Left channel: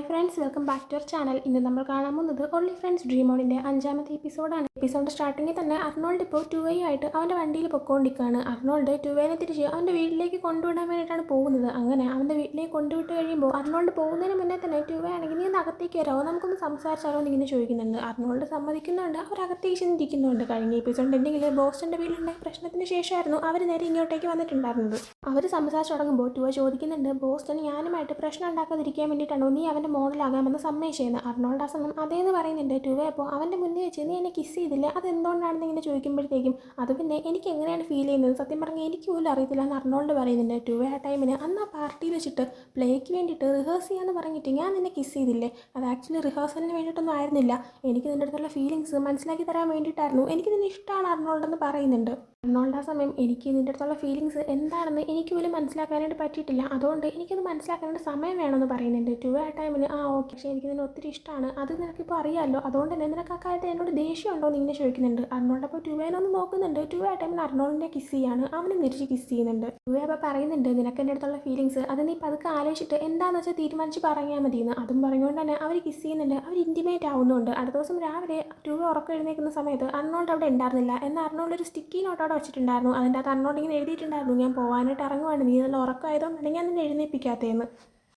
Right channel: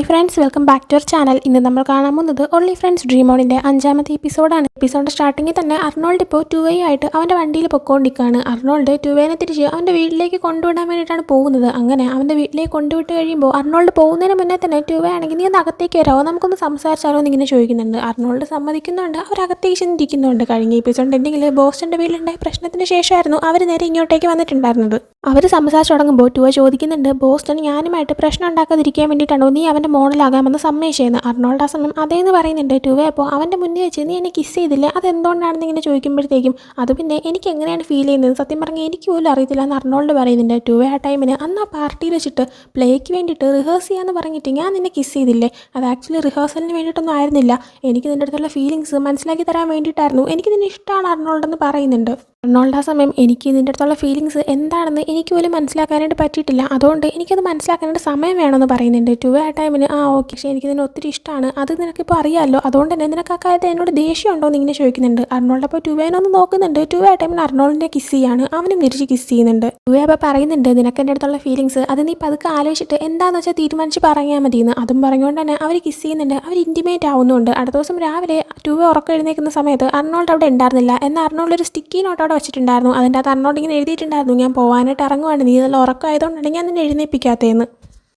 Hi friends, welcome back to our channel. ഇന്ന് നമ്മൾ കാണാൻ പോകുന്നത് ഓൺലി ഫ്രണ്ട്സ് ഡ്രീം ഓണിൻ്റെ 5ാമത്തെ എപ്പിസോഡാണ്. എപ്പിസോഡ് സ്റ്റാർട്ടിങ്ങിൽ തന്നെ അർണോൾഡ് ഇപ്പോൾ ആയിട്ട് അവൻ്റെ വണ്ടിയിൽ പൊക്കോണ്ടിരിക്കുകയാണ്. അർണോൾഡ് ടുവേനെ തിരിച്ച് അവൻ്റെ വീട്ടിലേക്ക് കൊണ്ടുവിടാൻ വേണ്ടിയിട്ടാണ് പോകുന്നത്. അങ്ങനെ അവൻ്റെ വീട്ടിലേക്ക് കൊണ്ടുവിട്ട് കഴിയുമ്പോൾ അർണോൾഡ് പോകുന്നതിന് മുന്നേ തന്നെ ആണെങ്കിൽ നീ ഒന്ന് അകത്തേക്ക് വരാമോ, നമുക്കൊന്ന് സംസാരിച്ചാലോ എന്നിങ്ങനെ ചോദിക്കുന്നുണ്ട്. അർണോൾഡ് സമ്മതിക്കുന്നുണ്ട്. അവരകത്തേക്ക് ചെന്നിരിക്കുന്നുണ്ട്. കഴിഞ്ഞ എപ്പിസോഡ് എന്തെങ്കിൽ ബോസ്റ്റൻ്റെ വീട്ടിലുണ്ടായ പ്രശ്നത്തിന് ശേഷമായിരുന്നു അവർ നേരെ ഇങ്ങോട്ടേക്ക് വന്നിട്ടുണ്ടായിരുന്നത്. അവർ സംസാരിച്ച് തുടങ്ങുമ്പോൾ ചോദിക്കുന്നുണ്ട്, ബോസ്റ്റൺ ഞാനുമായിട്ട് പ്രശ്നം ഉണ്ടാക്കാതിരിക്കാൻ വേണ്ടിയിട്ടാണോ നീ അവൻ്റെ മോഡലാകാമെന്ന് സമ്മതിച്ചേന്ന്. അർണോൾഡ് ആ സമയം അതേന്ന് പറയുന്നുണ്ട്. അപ്പോൾ അവൻ്റെ മുന്നിൽ വെച്ച് നീ എന്നെ കിസ് ചെയ്തില്ലേ, അതെന്തുകൊണ്ടാണെന്ന് ഇങ്ങനെ ചോദിക്കുമ്പോഴത്തേക്കും അത് പിന്നെ എനിക്ക് എങ്ങനെയാണ് ഫീൽ ചെയ്യുന്നത്, സത്യം പറഞ്ഞാൽ എനിക്ക് പോലും അറിയത്തില്ല എന്ന് അർണോൾഡ് പറയുന്നുണ്ട്. ആ ടൈമിന് അന്ന് ആ പാർട്ടിയിൽ വെച്ചിട്ട് പ്ലേക്ക് വേണ്ടിയിട്ട് റിഹേഴ്സ് ചെയ്യാമെന്ന് പറഞ്ഞിട്ട് ഞാൻ നിന്നെ കിസ് ചെയ്തില്ലേ, അത് ആക്ച്വലി റിഹേഴ്സലിന് വേണ്ടിയിട്ടൊന്നും ആയിരുന്നില്ല, എനിക്ക് നിൻ്റെ അടുത്തുള്ള ഫീലിങ്സ് മനസ്സിലാക്കി തരാൻ വേണ്ടിയിട്ടായിരുന്നു, എനിക്ക് നിന്നെ ഇഷ്ടമാണ് അർണോൾഡ് എന്ന് പറയുന്നുണ്ട്. അർണോൾഡ് ആ സമയം എനിക്ക് ഇതിൻ്റെ അടുത്തുള്ള ഫീലിങ്സ് എന്താണെന്ന് എനിക്ക് പോലും മനസ്സിലാക്കാനായിട്ട് പറ്റിയിട്ടില്ല, അതുകൊണ്ട് എനിക്കത് മനസ്സിലാക്കാനായിട്ട് സമയം വേണമെന്ന് പറയുന്നുണ്ട്. ആ ടൈമിന് ഓക്കെ, പക്ഷേ എനിക്ക് ഇതിനെ ഒത്തിരി ഇഷ്ടമാണ്, അത് നിനക്കിപ്പോൾ അറിയാമല്ലോ, അതുകൊണ്ട് തന്നെ നിനക്ക് ആ കാര്യത്തിൽ എന്നോട് ദേഷ്യം ഉണ്ടോ എന്ന് ഇങ്ങനെ ചോദിക്കുന്നുണ്ട്. അർണോൾഡ് അപ്പോൾ ടുവേനൊന്ന് നോക്കുന്നുണ്ട്. ആ ടൈമിന് അർണോൾഡിനെ കിസ് ചെയ്യാണ്, അവനും തിരിച്ച് കിസ് ചെയ്യുന്നുണ്ട്. അപ്പോൾ പറയുന്നുണ്ട്, നിനക്ക് എൻ്റെ അടുത്തുള്ള ഫീലിങ്സ് അത് നീ പതുക്കെ ആലോചിച്ചിട്ട് എന്താണെന്ന് വെച്ചാൽ തീരുമാനിച്ച് പറയാൻ മതിയെന്ന്. അതും പറഞ്ഞുകൊണ്ട് തന്നെ അവർ കിസ് ചെയ്യുന്നുണ്ട്. അവർ ഇൻറ്റിമേറ്റ് ആവുന്നുണ്ട്. അടുത്ത ദിവസം രാവിലെ ഉറക്കം എഴുന്നേൽക്കുന്ന സമയത്ത് അർണോൾഡ് അവിടെ ഉണ്ടായിരുന്നില്ല. എന്നാൽ അർണോൾഡ് ഒരു സ്റ്റിക്കി നോട്ട് അവിടെ വെച്ചിട്ടുണ്ടായിരുന്നു. അതിൻ്റെ അകത്ത് അർണോൾഡ് ഇങ്ങനെ എഴുതിയിട്ടുണ്ടായിരുന്നു, ഞാൻ പോകാനായിട്ട് ഇറങ്ങുവാണ്, നീ നല്ല ഉറക്കമായതുകൊണ്ടാണ് ഞാൻ നിന്നെ എഴുന്നേൽപ്പിക്കാത്തതെന്ന്.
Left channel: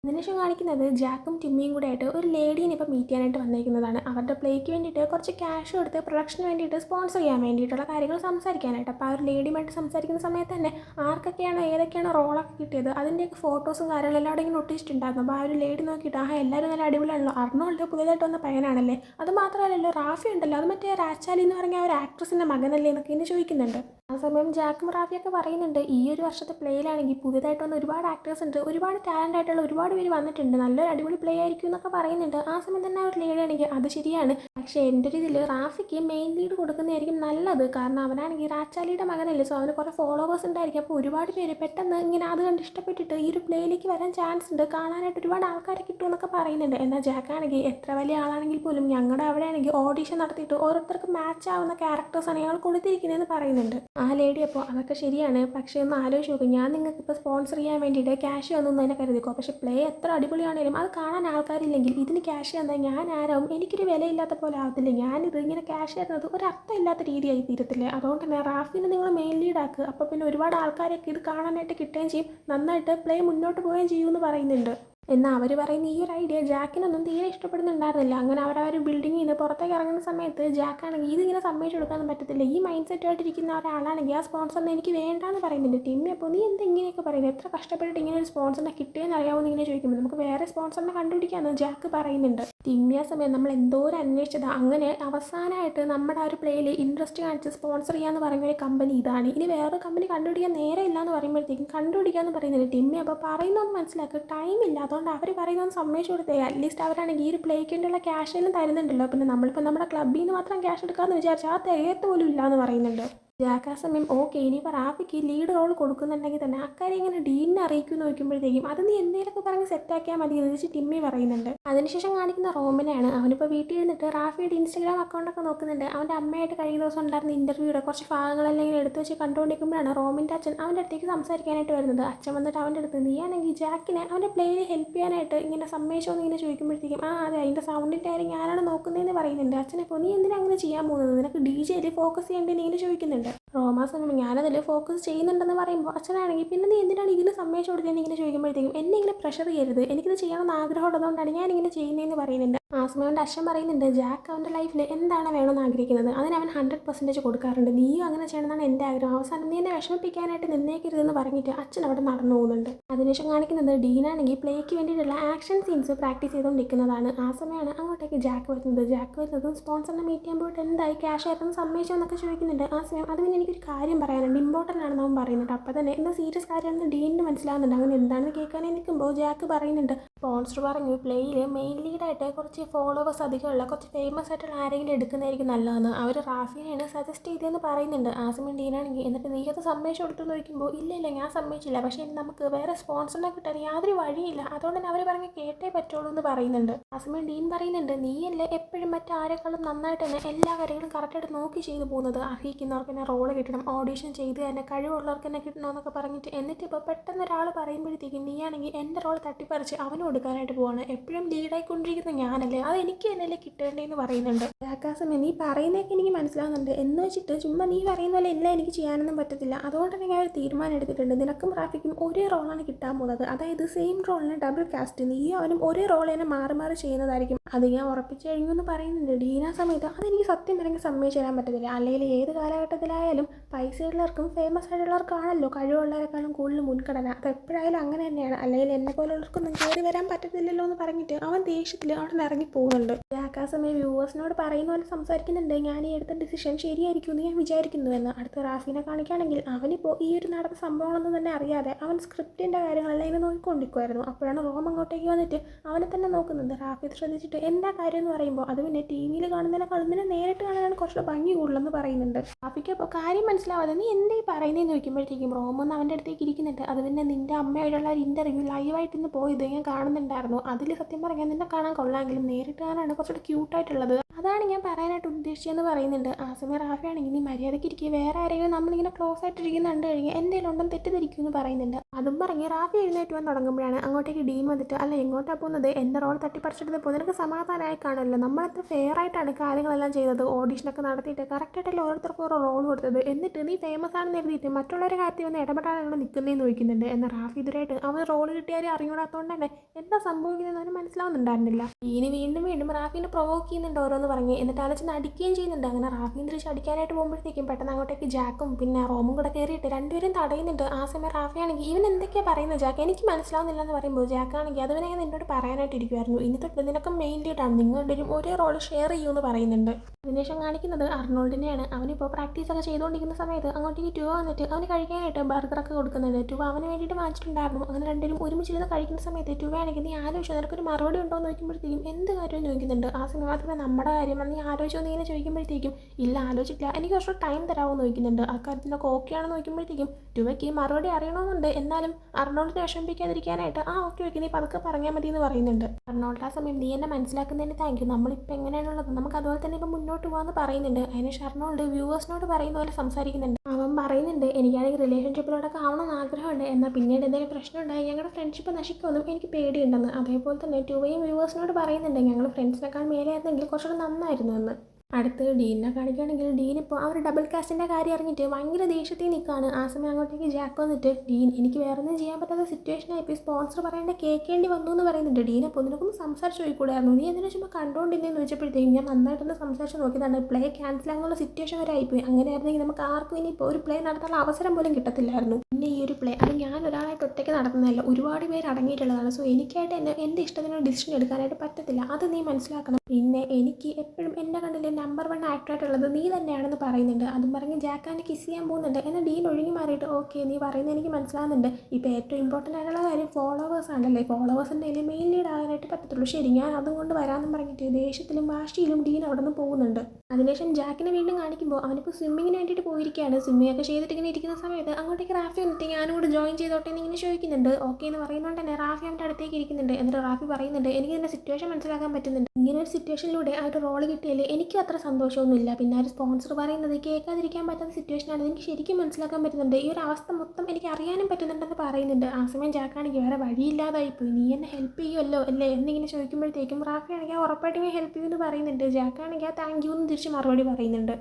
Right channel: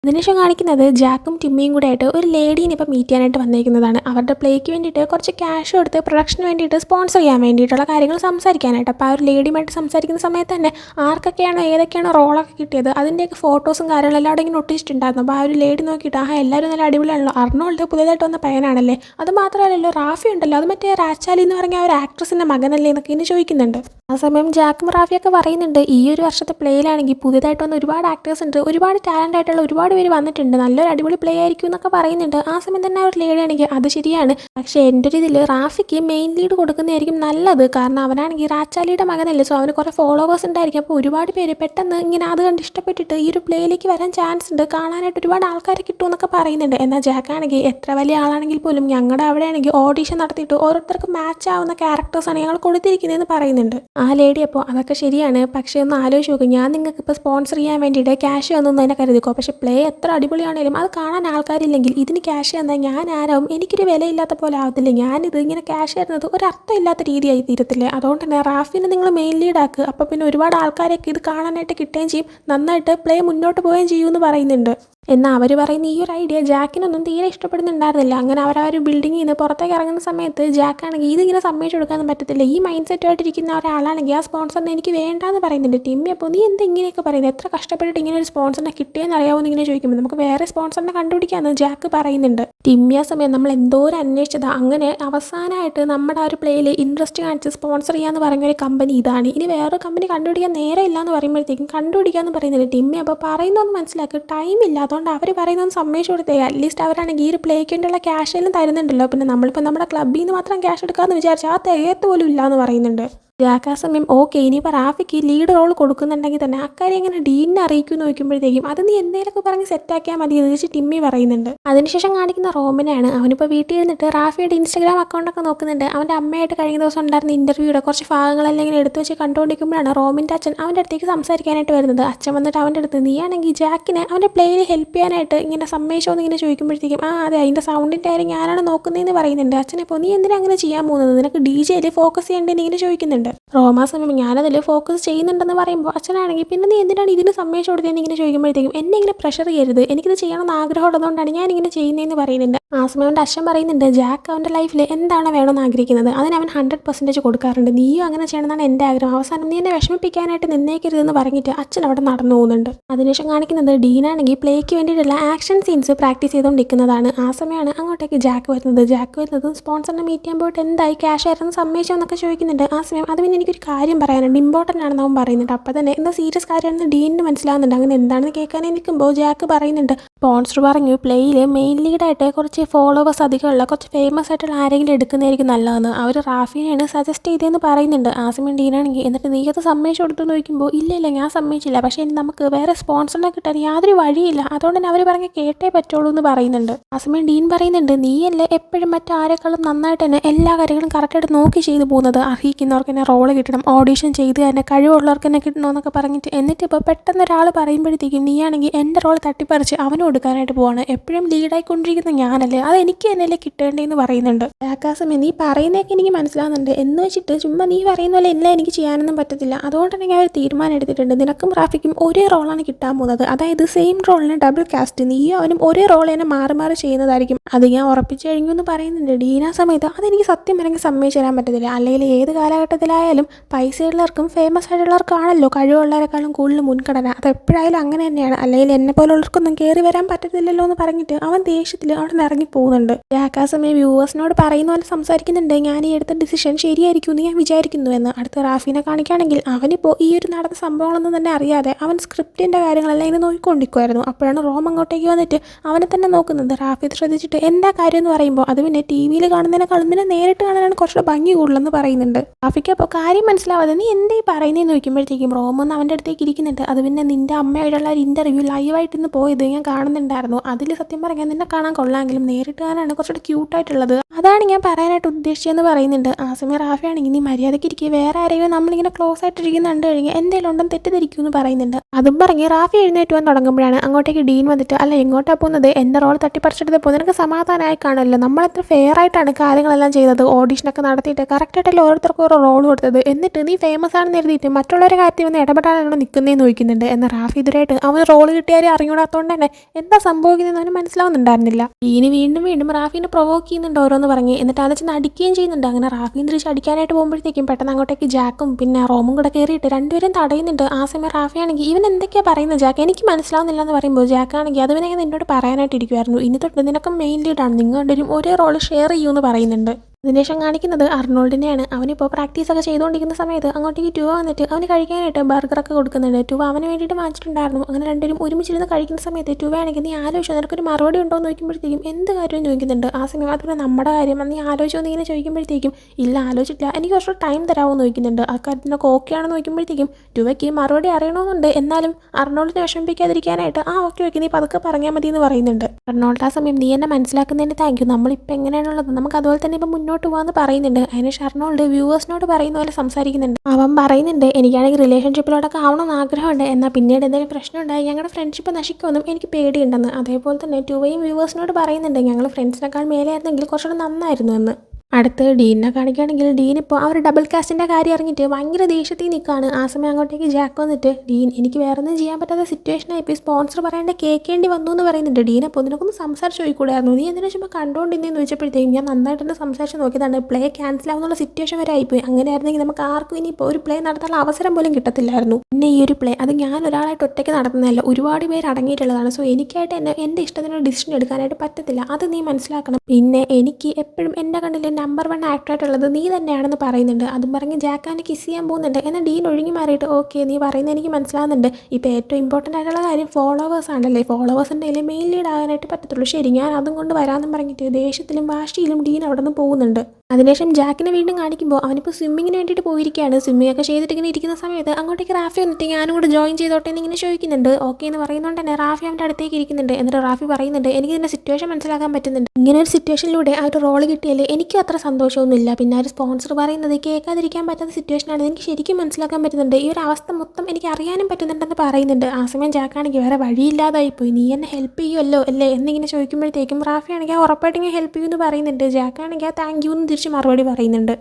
അതിനുശേഷം കാണിക്കുന്നത് ജാക്കും ടിമ്മിയും കൂടെ ആയിട്ട് ഒരു ലേഡീനെ ഇപ്പോൾ മീറ്റ് ചെയ്യാനായിട്ട് വന്നേക്കുന്നതാണ്. അവരുടെ പ്ലേക്ക് വേണ്ടിയിട്ട് കുറച്ച് ക്യാഷ് കൊടുത്ത് പ്രൊഡക്ഷന് വേണ്ടിയിട്ട് സ്പോൺസർ ചെയ്യാൻ വേണ്ടിയിട്ടുള്ള കാര്യങ്ങൾ സംസാരിക്കാനായിട്ട്. അപ്പോൾ ആ ഒരു ലേഡിയുമായിട്ട് സംസാരിക്കുന്ന സമയത്ത് തന്നെ ആർക്കൊക്കെയാണോ ഏതൊക്കെയാണോ റോളൊക്കെ കിട്ടിയത് അതിൻ്റെയൊക്കെ ഫോട്ടോസും കാര്യങ്ങളെല്ലാം അവിടെ ഇങ്ങനെ ഒട്ടിച്ചിട്ടുണ്ടായിരുന്നു. അപ്പോൾ ആ ഒരു ലേഡി നോക്കിയിട്ട് എല്ലാവരും നല്ല അടിപൊളിയാണല്ലോ, അർണോൾഡ് പുതിയതായിട്ട് വന്ന പയ്യനാണല്ലേ, അത് മാത്രമല്ലല്ലോ റാഫി ഉണ്ടല്ലോ, അത് മറ്റേ രാച്ചാലി എന്ന് പറഞ്ഞ ആ ഒരു ആക്ട്രസിൻ്റെ മകനല്ലേ എന്നൊക്കെ ഇനി ചോദിക്കുന്നുണ്ട്. ആ സമയം ജാക്കും റാഫിയൊക്കെ പറയുന്നുണ്ട്, ഈ ഒരു വർഷത്തെ പ്ലേയിലാണെങ്കിൽ പുതിയതായിട്ട് വന്ന ഒരുപാട് ആക്ടേഴ്സ് ഉണ്ട്, ഒരുപാട് ടാലൻ്റ് ആയിട്ടുള്ള ഒരുപാട് പേര് വന്നിട്ടുണ്ട്, നല്ലൊരു അടിപൊളി പ്ലേ ആയിരിക്കും എന്നൊക്കെ പറയുന്നുണ്ട്. ആ സമയം തന്നെ ഒരു ലേഡി ആണെങ്കിൽ അത് ശരിയാണ്, പക്ഷേ എൻ്റെ ഒരു ഇതിൽ റാഫിക്ക് മെയിൻ ലീഡ് കൊടുക്കുന്നതായിരിക്കും നല്ലത്, കാരണം അവനാണെങ്കിൽ രാച്ചാലിയുടെ മകനല്ലേ, സോ അവന് കുറേ ഫോളോവേഴ്സ് ഉണ്ടായിരിക്കും. അപ്പോൾ ഒരുപാട് പേര് പെട്ടെന്ന് ഇങ്ങനെ അത് കണ്ട് ഇഷ്ടപ്പെട്ടിട്ട് ഈ ഒരു പ്ലേയിലേക്ക് വരാൻ ചാൻസ് ഉണ്ട്, കാണാനായിട്ട് ഒരുപാട് ആൾക്കാരെ കിട്ടുമെന്നൊക്കെ പറയുന്നുണ്ട്. എന്നാൽ ജാക്കാണെങ്കിൽ എത്ര വലിയ ആളാണെങ്കിൽ പോലും ഞങ്ങളുടെ അവിടെ ആണെങ്കിൽ ഓഡീഷൻ നടത്തിയിട്ട് ഓരോരുത്തർക്ക് മാച്ച് ആവുന്ന ക്യാരക്ടേഴ്സാണ് ഞങ്ങൾ കൊടുത്തിരിക്കുന്നതെന്ന് പറയുന്നുണ്ട് ആ ലേഡി. അപ്പോൾ അതൊക്കെ ശരിയാണ്, പക്ഷേ ഒന്ന് ആലോചിച്ച് നോക്കും, ഞാൻ നിങ്ങൾക്ക് ഇപ്പോൾ സ്പോൺസർ ചെയ്യാൻ വേണ്ടിയിട്ട് ക്യാഷ് തന്നൊന്നും അതിനെ കരുതിക്കോ, പക്ഷേ പ്ലേ എത്ര അടിപൊളിയാണെങ്കിലും അത് കാണാൻ ആൾക്കാരില്ലെങ്കിൽ ഇതിന് ക്യാഷ് തന്നാൽ ഞാൻ ആരാവും, എനിക്കൊരു വിലയില്ലാത്ത പോലെ ആവത്തില്ലേ, ഞാനിത് ഇങ്ങനെ ക്യാഷ് തരുന്നത് ഒരർത്ഥമില്ലാത്ത രീതിയായി തീരത്തില്ലേ, അതുകൊണ്ട് തന്നെ റാഫിനെ നിങ്ങൾ മെയിൻ ലീഡാക്കുക, അപ്പോൾ പിന്നെ ഒരുപാട് ആൾക്കാരൊക്കെ ഇത് കാണാനായിട്ട് കിട്ടുകയും ചെയ്യും, നന്നായിട്ട് പ്ലേ മുന്നോട്ട് പോവുകയും ചെയ്യുമെന്ന് പറയുന്നുണ്ട്. എന്നാൽ അവർ പറയുന്ന ഈ ഒരു ഐഡിയ ജാക്കിനൊന്നും തീരെ ഇഷ്ടപ്പെടുന്നുണ്ടായിരുന്നില്ല. അങ്ങനെ അവർ ആ ഒരു ബിൽഡിങ്ങിൽ നിന്ന് പുറത്തേക്ക് ഇറങ്ങുന്ന സമയത്ത് ജാക്കാണെങ്കിൽ ഇതിങ്ങനെ സമ്മതിച്ചു കൊടുക്കാനും പറ്റത്തില്ല, ഈ മൈൻഡ് സെറ്റായിട്ടിരിക്കുന്ന ഒരാളാണെങ്കിൽ ആ സ്പോൺസറിനെ എനിക്ക് വേണ്ടാന്ന് പറയുന്നുണ്ട്. ടിമ്മി അപ്പോൾ നീ എന്താ ഇങ്ങനെയൊക്കെ പറയുന്നത്, എത്ര കഷ്ടപ്പെട്ടിട്ട് ഇങ്ങനെ ഒരു സ്പോൺസറിനെ കിട്ടിയെന്ന് അറിയാവുന്ന ഇങ്ങനെ ചോദിക്കുമ്പോൾ നമുക്ക് വേറെ സ്പോൺസറിനെ കണ്ടുപിടിക്കാമെന്ന് ജാക്ക് പറയുന്നുണ്ട്. ടിമ്മി ആ സമയം നമ്മൾ എന്തോരം അന്വേഷിച്ചതാണ്, അങ്ങനെ അവസാനമായിട്ട് നമ്മുടെ ആ ഒരു പ്ലേയിൽ ഇൻട്രസ്റ്റ് കാണിച്ച് സ്പോൺസർ ചെയ്യാമെന്ന് പറയുന്ന ഒരു കമ്പനി ഇതാണ്, ഇനി വേറെ കമ്പനി കണ്ടുപിടിക്കാൻ നേരെ ഇല്ലയെന്ന് പറയുമ്പോഴത്തേക്കും കണ്ടുപിടിക്കാമെന്ന് പറയുന്നുണ്ട്. ടിമ്മി അപ്പോൾ പറയുന്നതൊന്നും മനസ്സിലാക്കുക, ടൈമില്ല, അതുകൊണ്ട് അവർ പറയുന്നതൊന്നും സമ്മതിച്ചു കൊടുത്തേ, അറ്റ്ലീസ്റ്റ് അവരാണെങ്കിൽ ഈ ഒരു പ്ലേക്ക് വേണ്ടിയുള്ള ക്യാഷെല്ലാം തരുന്നുണ്ടല്ലോ, പിന്നെ നമ്മളിപ്പോൾ നമ്മുടെ ക്ലബ്ബിൽ നിന്ന് മാത്രം ക്യാഷ് എടുക്കാമെന്ന് വിചാരിച്ചാൽ ആ തികയത്ത് പോലും ഇല്ല എന്ന് പറയുന്നുണ്ട്. ജാക്ക് ആ സമയം ഓക്കെ, ഇനിയിപ്പോൾ റാഫിക്ക് ലീഡ് റോൾ കൊടുക്കുന്നുണ്ടെങ്കിൽ തന്നെ അക്കാര്യം എങ്ങനെ ഡീനിനെ അറിയിക്കുമെന്ന് ചോദിക്കുമ്പോഴത്തേക്കും അത് നീ എന്തെങ്കിലുമൊക്കെ പറഞ്ഞ് സെറ്റാക്കിയാൽ മതി എന്ന് വെച്ച് ടിമ്മി പറയുന്നുണ്ട്. അതിനുശേഷം കാണിക്കുന്ന റോമിനാണ്. അവനിപ്പോൾ വീട്ടിൽ ഇരുന്നിട്ട് റാഫിയുടെ ഇൻസ്റ്റാഗ്രാം അക്കൗണ്ടൊക്കെ നോക്കുന്നുണ്ട്. അവൻ്റെ അമ്മയായിട്ട് കഴിഞ്ഞ ദിവസം ഉണ്ടായിരുന്ന ഇൻ്റർവ്യൂയുടെ കുറച്ച് ഭാഗങ്ങളെല്ലാം ഇങ്ങനെ എടുത്ത് വെച്ച് കണ്ടുകൊണ്ടിരിക്കുമ്പോഴാണ് റോമിൻ്റെ അച്ഛൻ അവൻ്റെ അടുത്തേക്ക് സംസാരിക്കാനായിട്ട് വരുന്നത്. അച്ഛൻ വന്നിട്ട് അവൻ്റെ അടുത്ത് നീയാണെങ്കിൽ ജാക്കിനെ അവൻ്റെ പ്ലേയിൽ ഹെൽപ്പ് ചെയ്യാനായിട്ട് ഇങ്ങനെ സമ്മതിച്ചോ എന്ന് ഇങ്ങനെ ചോദിക്കുമ്പോഴത്തേക്കും അതെ, അതിൻ്റെ സൗണ്ടിൻ്റെ കാര്യം ഞാനാണ് നോക്കുന്നതെന്ന് പറയുന്നുണ്ട്. അച്ഛനെ ഇപ്പോൾ നീ എന്തിനാ അങ്ങനെ ചെയ്യാൻ പോകുന്നത്, നിനക്ക് DJ ഫോക്കസ് ചെയ്യേണ്ടതെന്ന് ഇങ്ങനെ ചോദിക്കുന്നുണ്ട്. റോമാ സമയം ഞാനതിൽ ഫോക്കസ് ചെയ്യുന്നുണ്ടെന്ന് പറയുമ്പോൾ അച്ഛനാണെങ്കിൽ പിന്നെ നീ എന്തിനാണ് ഇതിന് സമ്മതിച്ചു കൊടുത്തതെന്ന് ഇങ്ങനെ ചോദിക്കുമ്പോഴത്തേക്കും എന്നെ ഇങ്ങനെ പ്രഷർ ചെയ്യരുത്, എനിക്കിത് ചെയ്യണമെന്ന് ആഗ്രഹമുള്ളതുകൊണ്ടാണ് ഞാനിങ്ങനെ ചെയ്യുന്നതെന്ന് പറയുന്നുണ്ട്. ആ സമയം അവൻ്റെ അച്ഛൻ പറയുന്നുണ്ട്, ജാക്ക് അവൻ്റെ ലൈഫിൽ എന്താണ് വേണമെന്ന് ആഗ്രഹിക്കുന്നത് അതിന് അവൻ 100% കൊടുക്കാറുണ്ട്, നീയും അങ്ങനെ ചെയ്യണമെന്നാണ് എൻ്റെ ആഗ്രഹം, അവസാനം നീ എന്നെ വിഷമിപ്പിക്കാനായിട്ട് നിന്നേക്കരുതെന്ന് പറഞ്ഞിട്ട് അച്ഛൻ അവിടെ നടന്നു പോകുന്നുണ്ട്. അതിനുശേഷം കാണിക്കുന്നത് ഡീനാണെങ്കിൽ പ്ലേക്ക് വേണ്ടിയിട്ടുള്ള ആക്ഷൻ സീൻസ് പ്രാക്ടീസ് ചെയ്തുകൊണ്ടിരിക്കുന്നതാണ്. ആ സമയമാണ് അങ്ങോട്ടേക്ക് ജാക്ക് വരുന്നതും സ്പോൺസറിനെ മീറ്റ് ചെയ്യാൻ പോയിട്ട് എന്തായി, ക്യാഷ് ആയിരുന്നു സമ്മതിച്ചോ എന്നൊക്കെ ചോദിക്കുന്നുണ്ട്. ആ സമയം അത് പിന്നെ എനിക്കൊരു കാര്യം പറയാനുണ്ട്, ഇമ്പോർട്ടൻ്റ് ആണെന്ന് അവൻ പറയുന്നുണ്ട്. അപ്പോൾ തന്നെ എന്താ സീരിയസ് കാര്യമാണെന്ന് ഡീനിന് മനസ്സിലാകുന്നുണ്ട്. അങ്ങനെ എന്താണെന്ന് കേൾക്കാൻ നിൽക്കുമ്പോൾ ജാക്ക് പറയുന്നുണ്ട്, സ്പോൺസർ പറഞ്ഞു പ്ലേയിൽ മെയിൻ ലീഡായിട്ട് കുറച്ച് കുറച്ച് ഫോളോവേഴ്സ് അധികമുള്ള കുറച്ച് ഫേമസ് ആയിട്ടുള്ള ആരെങ്കിലും എടുക്കുന്നതായിരിക്കും നല്ലതെന്ന് അവർ റാഫിനെയാണ് സജസ്റ്റ് ചെയ്തതെന്ന് പറയുന്നുണ്ട്. ആ സമയം ഡീനാണെങ്കിൽ എന്നിട്ട് നീ അത് സമ്മതിച്ചു കൊടുത്തു നോക്കുമ്പോൾ ഇല്ല ഞാൻ സമ്മതിച്ചില്ല, പക്ഷേ ഇനി നമുക്ക് വേറെ സ്പോൺസറിനെ കിട്ടാൻ യാതൊരു വഴിയില്ല, അതുകൊണ്ട് തന്നെ അവർ പറഞ്ഞ് കേട്ടേ പറ്റുള്ളൂ എന്ന് പറയുന്നുണ്ട്. ആ സമയം ഡീൻ പറയുന്നുണ്ട് നീയല്ലേ എപ്പോഴും മറ്റാരെക്കാളും നന്നായിട്ട് തന്നെ എല്ലാ കാര്യങ്ങളും കറക്റ്റായിട്ട് നോക്കി ചെയ്തു പോകുന്നത്, അർഹിക്കുന്നവർക്ക് തന്നെ റോള് കിട്ടണം, ഓഡീഷൻ ചെയ്ത് തന്നെ കഴിവുള്ളവർക്ക് തന്നെ കിട്ടണമെന്നൊക്കെ പറഞ്ഞിട്ട് എന്നിട്ട് ഇപ്പോൾ പെട്ടെന്ന് ഒരാൾ പറയുമ്പോഴത്തേക്കും നീയാണെങ്കിൽ എൻ്റെ റോൾ തട്ടിപ്പറിച്ച് അവനും കൊടുക്കാനായിട്ട് പോവാണ്. എപ്പോഴും ലീഡായിക്കൊണ്ടിരിക്കുന്ന ഞാനല്ലേ, അത് എനിക്ക് തന്നെയല്ലേ കിട്ടേണ്ടതെന്ന് പറയുന്നുണ്ട്. ആ സമയം നീ പറയുന്നതൊക്കെ എനിക്ക് മനസ്സിലാവുന്നുണ്ട്, എന്ന് വെച്ചിട്ട് ചുമ്മാ നീ പറയുന്ന പോലെ എല്ലാം എനിക്ക് ചെയ്യാനൊന്നും പറ്റത്തില്ല, അതുകൊണ്ട് തന്നെ ഞാൻ ഒരു തീരുമാനം എടുത്തിട്ടുണ്ട്. നിനക്കും റാഫിക്കും ഒരേ റോളാണ് കിട്ടാൻ പോകുന്നത്, അതായത് സെയിം റോളിന് ഡബിൾ കാസ്റ്റ്, നീയും അവനും ഒരേ റോൾ തന്നെ മാറി മാറി ചെയ്യുന്നതായിരിക്കും, അത് ഞാൻ ഉറപ്പിച്ചു കഴിഞ്ഞു എന്ന് പറയുന്നുണ്ട്. ഡീന സമയത്ത് അതെനിക്ക് സത്യം പറഞ്ഞെങ്കിൽ സമ്മതിച്ചു തരാൻ പറ്റത്തില്ല. അല്ലെങ്കിൽ ഏത് കാലഘട്ടത്തിലായാലും പൈസയുള്ളവർക്കും ഫേമസ് ആയിട്ടുള്ളവർക്കും ആണല്ലോ കഴിവുള്ളവരെക്കാളും കൂടുതൽ മുൻഗണന, അത് എപ്പോഴായാലും അങ്ങനെ തന്നെയാണ്. അല്ലെങ്കിൽ എന്നെ പോലുള്ളവർക്കൊന്നും കയറി വരാൻ പറ്റത്തില്ലല്ലോ എന്ന് പറഞ്ഞിട്ട് അവൻ ദേഷ്യത്തിൽ അവിടെ നിന്ന് ഇറങ്ങി പോകുന്നുണ്ട്. ആ സമയം വ്യൂവേഴ്സിനോട് പറയുന്ന പോലെ സംസാരിക്കുന്നുണ്ട്, ഞാൻ ഈ എടുത്ത ഡിസിഷൻ ശരിയായിരിക്കും എന്ന് ഞാൻ വിചാരിക്കുന്നു എന്ന്. അടുത്ത റാഫിനെ കാണിക്കുകയാണെങ്കിൽ അവനിപ്പോൾ ഈ ഒരു നടന്ന സംഭവങ്ങളൊന്നും തന്നെ അറിയാതെ അവൻ സ്ക്രിപ്റ്റിൻ്റെ കാര്യങ്ങളെല്ലാം ഇങ്ങനെ നോക്കിക്കൊണ്ടിരിക്കുമായിരുന്നു. അപ്പോഴാണ് റോം അങ്ങോട്ടേക്ക് വന്നിട്ട് അവനെ തന്നെ നോക്കുന്നത്. റാഫി ശ്രദ്ധിച്ചിട്ട് എന്താ കാര്യം എന്ന് പറയുമ്പോൾ അത് പിന്നെ ടി വിയിൽ കാണുന്നതിനേക്കാളും പിന്നെ നേരിട്ട് കാണാനാണ് കുറച്ചുകൂടെ ഭംഗി കൂടുതലെന്ന് പറയുന്നുണ്ട്. റാഫിക്ക് അപ്പോൾ കാര്യം മനസ്സിലാവാതെ നീ എന്തേ പറയുന്നതെന്ന് ചോദിക്കുമ്പോഴത്തേക്കും റോമൊന്ന് അവൻ്റെ അടുത്തേക്ക് ഇരിക്കുന്നുണ്ട്. അത് പിന്നെ നിൻ്റെ അമ്മയായിട്ടുള്ള ഒരു ഇൻ്റർവ്യൂ ലൈവായിട്ട് ഇന്ന് പോയത് ഞാൻ കാണുന്നുണ്ടായിരുന്നു, അതിൽ സത്യം പറയാൻ നിന്നെ കാണാൻ കൊള്ളാമെങ്കിലും നേരിട്ട് കാണാനാണ് കുറച്ചുകൂടെ ക്യൂട്ടായിട്ടുള്ളത്, അതാണ് ഞാൻ പറയാനായിട്ട് ഉദ്ദേശിച്ചതെന്ന് പറയുന്നുണ്ട്. ആ സമയം റാഫിയാണെങ്കിൽ നീ മര്യാദയ്ക്ക് ഇരിക്കുക, വേറെ ആരെങ്കിലും നമ്മളിങ്ങനെ ക്ലോസ് ആയിട്ടിരിക്കുന്ന കണ്ടു കഴിഞ്ഞാൽ എന്തെങ്കിലും ഉണ്ടെന്ന് തെറ്റിദ്ധരിക്കുമെന്ന് പറയുന്നുണ്ട്. അതും പറഞ്ഞ് റാഫി എഴുന്നേറ്റ് പോകാൻ തുടങ്ങുമ്പോഴാണ് അങ്ങോട്ടേക്ക് ഡീൻ വന്നിട്ട് അല്ല എങ്ങോട്ടാണ് പോകുന്നത്, എൻ്റെ റോൾ തട്ടിപ്പറിച്ചെടുത്തപ്പോൾ നിനക്ക് സമാധാനമായി കാണുമല്ലോ, നമ്മളെത്ര ഫെയർ ആയിട്ടാണ് കാര്യങ്ങളെല്ലാം ചെയ്തത്, ഓഡീഷനൊക്കെ നടത്തിയിട്ട് കറക്റ്റായിട്ടല്ലോ ഓരോരുത്തർക്കും ഓരോ റോൾ കൊടുത്തത്, എന്നിട്ട് നീ ഫേമസ് ആണെന്ന് എഴുതിയിട്ട് മറ്റുള്ളവരുടെ കാര്യത്തിൽ വന്ന് ഇടപെടാനാണ് നിൽക്കുന്നതെന്ന് ചോദിക്കുന്നുണ്ട്. എന്നാൽ റാഫി ഇതുവരായിട്ട് അവൻ റോൾ കിട്ടിയാലും അറിഞ്ഞൂടാത്തതുകൊണ്ട് തന്നെ എന്താ സംഭവിക്കുന്നതെന്ന് അവന് മനസ്സിലാവുന്നുണ്ടായിരുന്നില്ല. ഡീന് വീണ്ടും റാഫിനെ പ്രൊവോക്ക് ചെയ്യുന്നുണ്ട് ഓരോന്ന് പറഞ്ഞ്, എന്നിട്ട് അത് ചെന്ന് അടിക്കുകയും ചെയ്യുന്നുണ്ട്. അങ്ങനെ റാഫിനെ തിരിച്ച് അടിക്കാനായിട്ട് പോകുമ്പോഴത്തേക്കും പെട്ടെന്ന് അങ്ങോട്ടേക്ക് ജാക്കും പിന്നെ റോമും കൂടെ കയറിയിട്ട് രണ്ടുപേരും തടയുന്നുണ്ട്. ആ സമയം റാഫിയാണെങ്കിൽ ഇവൻ എന്തൊക്കെയാണ് പറയുന്നത് ജാക്ക് എനിക്ക് മനസ്സിലാവുന്നില്ല എന്ന് പറയുമ്പോൾ ജാക്കാണെങ്കിൽ അത് പിന്നെ നിന്നോട് പറയാനായിട്ട് ഇരിക്കുമായിരുന്നു, ഇനി തൊട്ട് നിനക്ക് മെയിൻ ലീഡാണ്, നിങ്ങൾ രണ്ടുപേരും ഒരേ റോൾ ഷെയർ ചെയ്യുമെന്ന് പറയുന്നുണ്ട്. അതിനുശേഷം കാണിക്കുന്നത് അർണോൾഡിനെയാണ്. അവനിപ്പോൾ പ്രാക്ടീസൊക്കെ ചെയ്തുകൊണ്ടിരിക്കുന്ന സമയത്ത് അങ്ങോട്ടേക്ക് ട്യൂവ വന്നിട്ട് അവന് കഴിക്കാനായിട്ട് ബർഗറൊക്കെ കൊടുക്കുന്നുണ്ട്. ട്യൂവ അവന് വേണ്ടിയിട്ട് വാങ്ങിച്ചിട്ടുണ്ടായിരുന്നു. അങ്ങനെ രണ്ടുപേരും ഒരുമിച്ചിരുന്ന് കഴിക്കുന്ന സമയത്ത് ട്യൂവയാണെങ്കിൽ നീ ആലോചിച്ചു നിനക്കൊരു മറുപടി ഉണ്ടോ എന്ന് ചോദിക്കുമ്പോഴത്തേക്കും എന്ത് കാര്യം ചോദിക്കുന്നുണ്ട്. ആ സമയം അതുപോലെ നമ്മുടെ കാര്യം നീ ആലോചിച്ചോ എന്ന് ഇങ്ങനെ ചോദിക്കുമ്പോഴത്തേക്കും ഇല്ല ആലോചിച്ചിട്ടില്ല, എനിക്ക് കുറച്ച് ടൈം തരാമോ എന്ന് ചോദിക്കുന്നുണ്ട്. ആ കാര്യത്തിനൊക്കെ ഓക്കെ ആണെന്ന് ചോദിക്കുമ്പോഴത്തേക്കും ട്യൂവയ്ക്ക് മറുപടി അറിയണമെന്നുണ്ട്, എന്നാലും അർണോൾഡിനെ വിഷമിപ്പിക്കാതിരിക്കാനായിട്ട് ഓക്കെ നീ പതുക്കെ പറഞ്ഞാൽ മതി എന്ന് പറയുന്നുണ്ട്. അർണോൾഡ് ആ സമയം നീ എന്നെ മനസ്സിലാക്കുന്നതിന് താങ്ക് യു, നമ്മളിപ്പോൾ എങ്ങനെയാണുള്ളത് നമുക്ക് അതുപോലെ തന്നെ ഇപ്പം മുന്നോട്ട് പോകാമെന്ന് പറയുന്നുണ്ട്. അതിന് ഷർണോൾഡ് വ്യൂവേഴ്സിനോട് പറയുന്ന പോലെ സംസാരിക്കുന്നുണ്ട്. അവൻ പറയുന്നുണ്ട് എനിക്കാണെങ്കിൽ റിലേഷൻഷിപ്പിലോടൊക്കെ ആവണമെന്ന് ആഗ്രഹമുണ്ട്, എന്നാൽ പിന്നീട് എന്തെങ്കിലും പ്രശ്നമുണ്ടായി ഞങ്ങളുടെ ഫ്രണ്ട്ഷിപ്പ് നശിക്കുമെന്നും എനിക്ക് പേടിയുണ്ടെന്ന്. അതേപോലെ തന്നെ ട്യൂവയും വ്യൂവേഴ്സിനോട് പറയുന്നുണ്ട് ഞങ്ങൾ ഫ്രണ്ട്സിനേക്കാൾ മേലെയായിരുന്നെങ്കിൽ കുറച്ചുകൂടെ നന്നായിരുന്നു എന്ന്. അടുത്ത് ഡീനിനെ കാണിക്കുകയാണെങ്കിൽ ഡീൻ ഇപ്പോൾ അവർ ഡബിൾ കാസ്റ്റിൻ്റെ കാര്യം അറിഞ്ഞിട്ട് ഭയങ്കര ദേഷ്യത്തിൽ നിൽക്കുകയാണ്. ആ സമയം അങ്ങോട്ടേക്ക് ജാക്ക് വന്നിട്ട് ഡീൻ എനിക്ക് വേറെ ഒന്നും ചെയ്യാൻ പറ്റാത്ത സിറ്റുവേഷനായി ഇപ്പോൾ സ്പോൺസർ പറയാണ്ട് കേൾക്കേണ്ടി വന്നു എന്ന് പറയുന്നുണ്ട്. ഡീൻ അപ്പോൾ നിനക്കൊന്ന് സംസാരിച്ച് ചോദിക്കൂടായിരുന്നു, നീ എന്തിനാ ചുമ്മാ കണ്ടുകൊണ്ടിരുന്നതെന്ന് ചോദിച്ചപ്പോഴത്തേക്കും ഞാൻ നന്നായിട്ടൊന്ന് സംസാരിച്ച് നോക്കിയതാണ്, പ്ലേ ക്യാൻസൽ ആവുന്നുള്ള സിറ്റുവേഷൻ വരെ ആയിപ്പോയി, അങ്ങനെയായിരുന്നെങ്കിൽ നമുക്ക് ആർക്കും ഇനിയിപ്പോൾ ഒരു പ്ലേ നടത്താനുള്ള അവസരം പോലും കിട്ടത്തില്ലായിരുന്നു. പിന്നെ ഈ ഒരു പ്ലേ അത് ഞാൻ ഒരാളായിട്ട് ഒറ്റയ്ക്ക് നടത്തുന്നതല്ല, ഒരുപാട് പേര് അടങ്ങിയിട്ടുള്ളതാണ്, സോ എനിക്കായിട്ട് എൻ്റെ ഇഷ്ടത്തിന് ഡിസിഷൻ എടുക്കാനായിട്ട് പറ്റത്തില്ല, അത് നീ മനസ്സിലാക്കണം. പിന്നെ എനിക്ക് എപ്പോഴും എൻ്റെ കണ്ടിൽ നമ്പർ 1 ആക്ടറായിട്ടുള്ളത് നീ തന്നെയാണെന്ന് പറയുന്നുണ്ട്. അതും പറഞ്ഞ് ജാക്കാനെ കിസ് ചെയ്യാൻ പോകുന്നുണ്ട്. എന്നാൽ ഡീൻ ഒഴുകി മാറിയിട്ട് ഓക്കെ നീ പറയുന്നത് എനിക്ക് മനസ്സിലാവുന്നുണ്ട്, ഇപ്പോൾ ഏറ്റവും ഇമ്പോർട്ടൻ്റ് ആയിട്ടുള്ള കാര്യം ഫോളോവേഴ്സ് ആണല്ലേ, ഫോളോവേഴ്സിൻ്റെ മെയിൻ ലീഡ് ആകാനായിട്ട് പറ്റത്തുള്ളൂ, ശരി ഞാൻ അതും കൊണ്ട് വരാമെന്നും പറഞ്ഞിട്ട് ദേഷ്യത്തിലും വാശിയിലും ഡീൻ അവിടെ നിന്ന് പോകുന്നുണ്ട്. അതിനുശേഷം ജാക്കിനെ വീണ്ടും കാണിക്കുമ്പോൾ അവനിപ്പോൾ സ്വിമ്മിങ്ങിന് വേണ്ടിയിട്ട് പോയിരിക്കുകയാണ്. സ്വിമ്മിങ് ഒക്കെ ചെയ്തിട്ട് ഇങ്ങനെ ഇരിക്കുന്ന സമയത്ത് അങ്ങോട്ടേക്ക് റാഫി വന്നിട്ട് ഞാനും കൂടെ ജോയിൻ ചെയ്തോട്ടെ എന്ന് ഇങ്ങനെ ചോദിക്കുന്നുണ്ട്. ഓക്കെ എന്ന് പറയുന്നതുകൊണ്ട് തന്നെ റാഫി അവൻ്റെ അടുത്തേക്ക് ഇരിക്കുന്നുണ്ട്. എന്നിട്ട് റാഫി പറയുന്നുണ്ട് എനിക്ക് ഇതിൻ്റെ സിറ്റുവേഷൻ മനസ്സിലാക്കാൻ പറ്റുന്നുണ്ട്, ഇങ്ങനെ ഒരു സിറ്റുവേഷനിലൂടെ ആ ഒരു റോള് കിട്ടിയാൽ എനിക്കും അത്ര സന്തോഷമൊന്നുമില്ല, പിന്നെ ഒരു സ്പോൺസർ പറയുന്നത് കേൾക്കാതിരിക്കാൻ പറ്റാത്ത സിറ്റുവേഷനാണ്, എനിക്ക് ശരിക്കും മനസ്സിലാക്കാൻ പറ്റുന്നുണ്ട്, ഈ ഒരു അവസ്ഥ മൊത്തം എനിക്ക് അറിയാനും പറ്റുന്നുണ്ടെന്ന് പറയുന്നുണ്ട്. ആ സമയം ജാക്കാണെങ്കിൽ വേറെ വഴിയില്ലാതായിപ്പോയി, നീ എന്നെ ഹെൽപ്പ് ചെയ്യുമല്ലോ അല്ലേ എന്നിങ്ങനെ ചോദിക്കുമ്പോഴത്തേക്കും റാഫിയാണെങ്കിൽ ഉറപ്പായിട്ട് ഞാൻ ഹെൽപ്പ് ചെയ്യുമെന്ന് പറയുന്നുണ്ട്. ജാക്കാണെങ്കിൽ താങ്ക് യു എന്ന് തിരിച്ച് മറുപടി പറയുന്നുണ്ട്.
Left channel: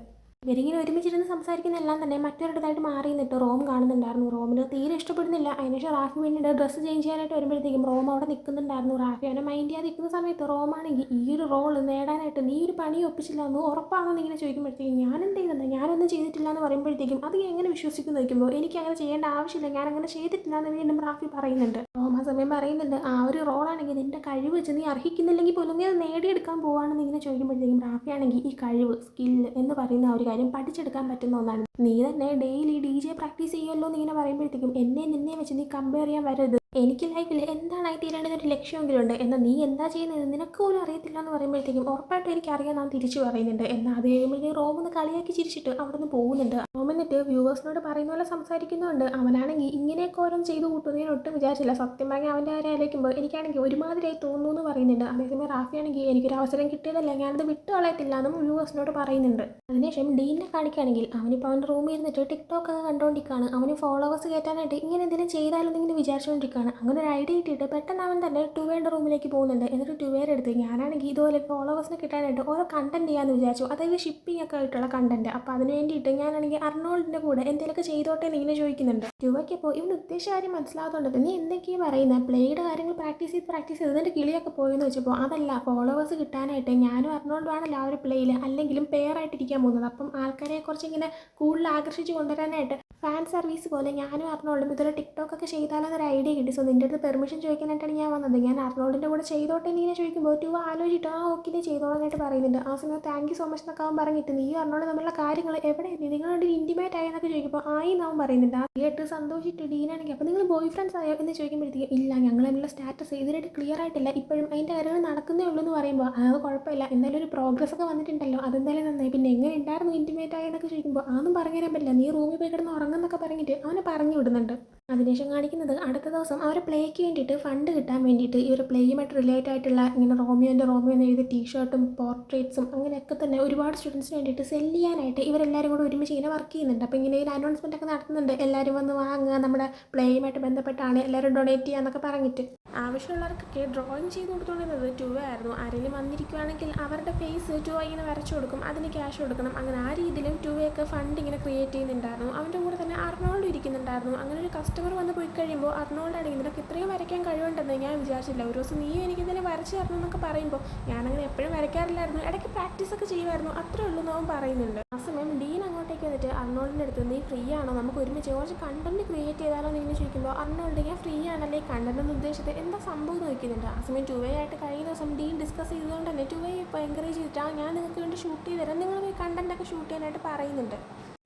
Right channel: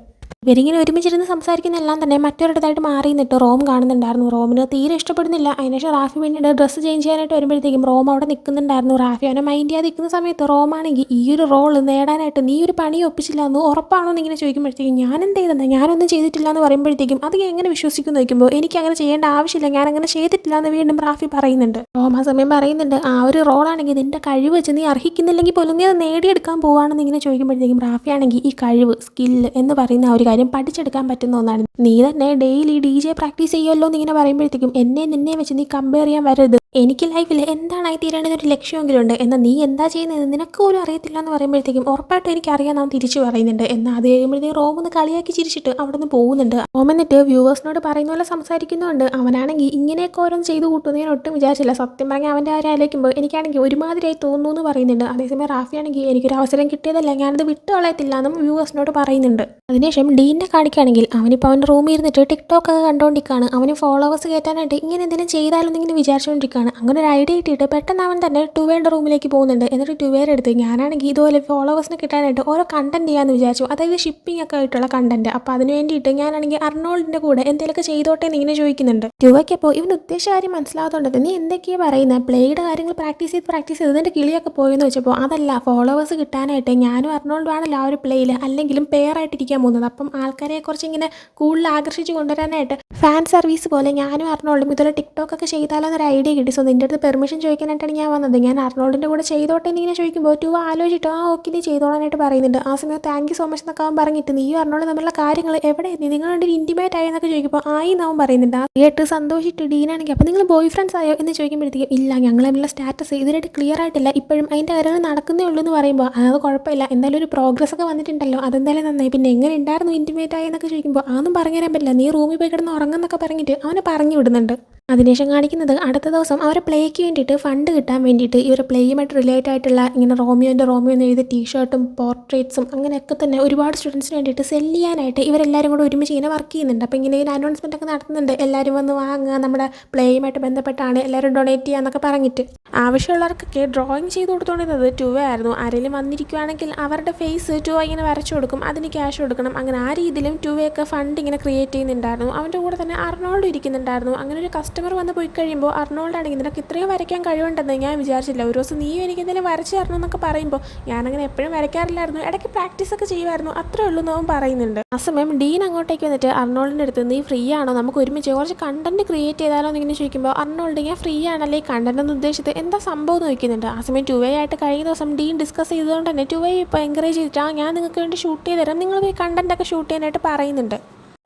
ഇവരിങ്ങനെ ഒരുമിച്ചിരുന്ന് സംസാരിക്കുന്നതെല്ലാം തന്നെ മറ്റൊരിടത്തായിട്ട് മാറി നിന്നിട്ട് റോം കാണുന്നുണ്ടായിരുന്നു. റോമിന് തീരെ ഇഷ്ടപ്പെടുന്നില്ല. അതിനുശേഷം റാഫി വേണ്ടിയിട്ട് ഡ്രസ്സ് ചേഞ്ച് ചെയ്യാനായിട്ട് വരുമ്പോഴത്തേക്കും റോം അവിടെ നിൽക്കുന്നുണ്ടായിരുന്നു. റാഫി അവനെ മൈൻഡ് ചെയ്യാതെ നിൽക്കുന്ന സമയത്ത് റോമാണെങ്കിൽ ഈ ഒരു റോള് നേടാനായിട്ട് നീ ഒരു പണി ഒപ്പിച്ചില്ല എന്ന് ഉറപ്പാണോ എന്നിങ്ങനെ ചോദിക്കുമ്പോഴത്തേക്കും ഞാൻ എന്ത് ചെയ്തെന്ന് ഞാനൊന്നും ചെയ്തിട്ടില്ല എന്ന് പറയുമ്പോഴത്തേക്കും അത് എങ്ങനെ വിശ്വസിക്കുന്നു ചോദിക്കുമ്പോൾ എനിക്ക് അങ്ങനെ ചെയ്യേണ്ട ആവശ്യമില്ല, ഞാൻ അങ്ങനെ ചെയ്തിട്ടില്ല എന്ന് വീണ്ടും റാഫി പറയുന്നുണ്ട്. റോം ആ സമയം പറയുന്നുണ്ട് ആ ഒരു റോളാണെങ്കിൽ നിന്റെ കഴിവ് വെച്ച് നീ അർഹിക്കുന്നില്ലെങ്കിൽ പോലും നീ അത് നേടിയെടുക്കാൻ പോവുകയാണെന്ന് ഇങ്ങനെ ചോദിക്കുമ്പോഴത്തേക്കും റാഫി ആണെങ്കിൽ ഈ കഴിവ് സ്കില്ല് എന്ന് പറയുന്ന ഒരു കാര്യം പഠിച്ചെടുക്കാൻ പറ്റുന്ന ഒന്നാണ്, നീ തന്നെ ഡെയിലി DJ പ്രാക്ടീസ് ചെയ്യുമല്ലോ എന്നിങ്ങനെ പറയുമ്പോഴത്തേക്കും എന്നെ നിന്നെ വെച്ച് നീ കമ്പയർ ചെയ്യാൻ വരരുത്, എനിക്ക് ലൈഫിൽ എന്താണായി തീരേണ്ടതൊരു ലക്ഷ്യമെങ്കിലും ഉണ്ട്. എന്നാൽ നീ എന്താ ചെയ്യുന്നത് നിനക്ക് പോലും അറിയത്തില്ല എന്ന് പറയുമ്പോഴത്തേക്കും ഉറപ്പായിട്ടും എനിക്കറിയാം അവൻ തിരിച്ചു പറയുന്നുണ്ട്. എന്നാൽ അത് കഴിയുമ്പോഴത്തേക്കും റോം ഒന്ന് കളിയാക്കി ചിരിച്ചിട്ട് അവിടെ നിന്ന് പോകുന്നുണ്ട്. റോം എന്നിട്ട് വ്യൂവേഴ്സിനോട് പറയുന്ന പോലെ സംസാരിക്കുന്നുണ്ട്. അവനാണെങ്കിൽ ഇങ്ങനെയൊക്കെ ഓരോന്ന് ചെയ്ത് കൂട്ടുന്നത് ഞാൻ ഒട്ടും വിചാരിച്ചില്ല. സത്യം പറഞ്ഞാൽ അവൻ്റെ കാര്യം ആലോചിക്കുമ്പോൾ എനിക്കാണെങ്കിൽ ഒരുമാതിരിയായി തോന്നുന്നു എന്ന് പറയുന്നുണ്ട്. അതേസമയം റാഫിയാണെങ്കിൽ എനിക്കൊരു അവസരം കിട്ടിയതല്ല, ഞാനത് വിട്ടു കളയത്തില്ല എന്നും വ്യൂവേഴ്സിനോട് പറയുന്നുണ്ട്. അതിനുശേഷം ഡീനെ കാണിക്കുകയാണെങ്കിൽ അവനിപ്പോൾ അവൻ്റെ റൂമിൽ ഇരുന്നിട്ട് ടിക്ടോക്ക് ഒക്കെ കണ്ടുകൊണ്ടിരിക്കുകയാണ്. അവന് ഫോളോവേഴ്സ് കയറ്റാനായിട്ട് ഇങ്ങനെ എന്തെങ്കിലും ചെയ്താലോ എന്നിങ്ങനെ വിചാരിച്ചുകൊണ്ടിരിക്കുകയാണ്. അങ്ങനെ ഒരു ഐഡിയ കിട്ടിയിട്ട് പെട്ടെന്ന് അവൻ തന്നെ ടുവേയുടെ റൂമിലേക്ക് പോകുന്നുണ്ട്. എന്നിട്ട് ടുവേയുടെ അടുത്ത് ഞാനാണെങ്കിൽ ഇതുപോലെ ഫോളോവേഴ്സിനെ കിട്ടാനായിട്ട് ഓരോ കണ്ടന്റ് ചെയ്യാമെന്ന് വിചാരിച്ചു, അതായത് ഷിപ്പിംഗ് ഒക്കെ ആയിട്ടുള്ള കണ്ടന്റ്. അപ്പോൾ അതിന് വേണ്ടിയിട്ട് ഞാനാണെങ്കിൽ അർണോൾഡിൻ്റെ കൂടെ എന്തെങ്കിലുമൊക്കെ ചെയ്തോട്ടെ എന്ന് ഇങ്ങനെ ചോദിക്കുന്നുണ്ട്. ടുവയ്ക്കപ്പോൾ ഇവൻ ഉദ്ദേശ കാര്യം മനസ്സിലാകാത്തതുകൊണ്ട് നീ എന്തൊക്കെയാണ് പറയുന്നത്, പ്ലേയുടെ കാര്യങ്ങൾ പ്രാക്ടീസ് ചെയ്ത് ഇതിൻ്റെ കിളിയൊക്കെ പോയെന്ന് വെച്ചപ്പോൾ അതല്ല, ഫോളോവേഴ്സ് കിട്ടാനായിട്ട് ഞാനും അർണോൾഡും ആണല്ലോ ആ ഒരു പ്ലേയിൽ അല്ലെങ്കിലും പെയർ ആയിട്ടിരിക്കാൻ പോകുന്നത്. അപ്പം ആൾക്കാരെ കുറച്ച് ഇങ്ങനെ കൂടുതൽ ആകർഷിച്ച് കൊണ്ടുവരാനായിട്ട് ഫാൻ സർവീസ് പോലെ ഞാനും അർണോൾഡും ഇതുപോലെ ടിക്ടോക്ക് ഒക്കെ ചെയ്താലോ എന്നൊരു ഐഡിയ കിട്ടി. സോ നിൻ്റെ അടുത്ത് പെർമിഷൻ ചോദിക്കാനായിട്ടാണ് ഞാൻ വന്നത്. ഞാൻ അർണോൾഡിൻ്റെ കൂടെ ചെയ്തോട്ടെ എന്നിങ്ങനെ ചോദിക്കുമ്പോൾ ടു ആലോചിച്ചിട്ട് ഓക്കെ നീ ചെയ്തോളാനായിട്ട് പറയുന്നുണ്ട്. ആ സമയത്ത് താങ്ക് യു സോ മച്ച് എന്നൊക്കെ അവൻ പറഞ്ഞിട്ട് നീയും അർണോൾഡ് തമ്മിലുള്ള കാര്യങ്ങൾ എവിടെ നിങ്ങൾ രണ്ടും ഇൻറ്റിമേറ്റ് ആയി എന്നൊക്കെ ചോദിക്കുമ്പോൾ ആയി എന്നവൻ പറയുന്നുണ്ട്. ആ കേട്ട് സന്തോഷിച്ചിട്ട് ഡീനാണെങ്കിൽ അപ്പോൾ നിങ്ങൾ ബോയ് ഫ്രണ്ട്സ് ആയോ എന്ന് ചോദിക്കുമ്പോഴത്തേക്കും ഇല്ല, ഞങ്ങൾ തമ്മിലുള്ള സ്റ്റാറ്റസ് ഇതിനായിട്ട് ക്ലിയർ ആയിട്ടില്ല, ഇപ്പോഴും അതിൻ്റെ കാര്യങ്ങൾ നടക്കുന്നേ ഉള്ളൂ എന്ന് പറയുമ്പോൾ അത് കുഴപ്പമില്ല, എന്തായാലും ഒരു പ്രോഗ്രസ് ഒക്കെ വന്നിട്ടുണ്ടല്ലോ, അതെന്തായാലും നന്നായി. പിന്നെ എങ്ങനെ ഉണ്ടായിരുന്നു ഇൻറ്റിമേറ്റ് ആയി എന്നൊക്കെ ചോദിക്കുമ്പോൾ അതൊന്നും പറഞ്ഞു തരാൻ പറ്റില്ല, നീ റൂമിൽ പോയി കിടന്ന് ഉറങ്ങുന്നൊക്കെ പറഞ്ഞിട്ട് അവനെ പറഞ്ഞു വിടുന്നുണ്ട്. അതിനുശേഷം കാണിക്കുന്നത് അടുത്ത ദിവസം അവരെ പ്ലേക്ക് വേണ്ടിയിട്ട് ഫണ്ട് കിട്ടാൻ വേണ്ടിയിട്ട് ഇവർ പ്ലേയുമായിട്ട് റിലേറ്റ് ആയിട്ടുള്ള ഇങ്ങനെ റോമിയോ എന്ന് എഴുതിയ ടീഷർട്ടും പോർട്രേറ്റ്സും അങ്ങനെയൊക്കെ തന്നെ ഒരുപാട് സ്റ്റുഡൻസിന് വേണ്ടിയിട്ട് സെല് ചെയ്യാനായിട്ട് ഇവരെല്ലാവരും കൂടെ ഒരുമിച്ച് ഇങ്ങനെ വർക്ക് ചെയ്യുന്നുണ്ട്. അപ്പോൾ ഇങ്ങനെ ഒരു അനൗൺസ്മെൻ്റ് ഒക്കെ നടത്തുന്നുണ്ട്, എല്ലാവരും വന്ന് വാങ്ങുക, നമ്മുടെ പ്ലേയുമായിട്ട് ബന്ധപ്പെട്ടാണ് എല്ലാവരും ഡൊണേറ്റ് ചെയ്യുക എന്നൊക്കെ പറഞ്ഞിട്ട്. ആവശ്യമുള്ളവർക്കൊക്കെ ഡ്രോയിങ് ചെയ്ത് കൊടുത്തുകൊണ്ടിരുന്നത് ടുവ ആയിരുന്നു. ആരെങ്കിലും വന്നിരിക്കുകയാണെങ്കിൽ അവരുടെ ഫേസ് ടുവ ഇങ്ങനെ വരച്ചു കൊടുക്കും, അതിന് ക്യാഷ് കൊടുക്കണം. അങ്ങനെ ആ രീതിയിലും ടുവയൊക്കെ ഫണ്ട് ഇങ്ങനെ ക്രിയേറ്റ് ചെയ്യുന്നുണ്ടായിരുന്നു. അവൻ്റെ കൂടെ തന്നെ അർണോൾഡ് ഇരിക്കുന്നുണ്ടായിരുന്നു. അങ്ങനെ ഒരു കസ്റ്റമർ വന്ന് പോയി കഴിയുമ്പോൾ അർണോൾഡാണെങ്കിൽ നിനക്ക് ഇത്രയും വരയ്ക്കാൻ കഴിവുണ്ടെന്ന് ഞാൻ വിചാരിച്ചില്ല, ഒരു ദിവസം നീയും എനിക്ക് എന്തെങ്കിലും വരച്ച് തരണം എന്നൊക്കെ പറയുമ്പോൾ ഞാനങ്ങനെ എപ്പോഴും വരയ്ക്കാറില്ലായിരുന്നു, ഇടയ്ക്ക് പ്രാക്ടീസ് ഒക്കെ ചെയ്യുമായിരുന്നു, അത്രേ ഉള്ളൂ എന്നവൻ പറയുന്നുണ്ട്. ആ സമയം ഡീൻ അങ്ങോട്ടേക്ക് വന്നിട്ട് അർണോൾഡിൻ്റെ അടുത്ത് നീ ഫ്രീ ആണോ, നമുക്ക് ഒരുമിച്ച് കുറച്ച് കണ്ടന്റ് ക്രിയേറ്റ് ചെയ്താലോ എന്നിങ്ങനെ ചോദിക്കുമ്പോൾ അർണോൾഡ് ഞാൻ ഫ്രീ ആണല്ലേ, കണ്ടന്റ് എന്ന് ഉദ്ദേശിച്ചത് എന്താ സംഭവം എന്ന് ചോദിക്കുന്നുണ്ട്. ആ സമയം ടുവേ ആയിട്ട് കഴിഞ്ഞ ദിവസം ഡീൻ ഡിസ്കസ് ചെയ്തുകൊണ്ട് തന്നെ ടുവേ ഇപ്പോൾ എൻകറേജ് ചെയ്തിട്ട് ഞാൻ നിങ്ങൾക്ക് വേണ്ടി ഷൂട്ട് ചെയ്ത് തരാം, നിങ്ങൾ പോയി കണ്ടന്റ് ഒക്കെ ഷൂട്ട് ചെയ്യാനായിട്ട് പറയുന്നുണ്ട്.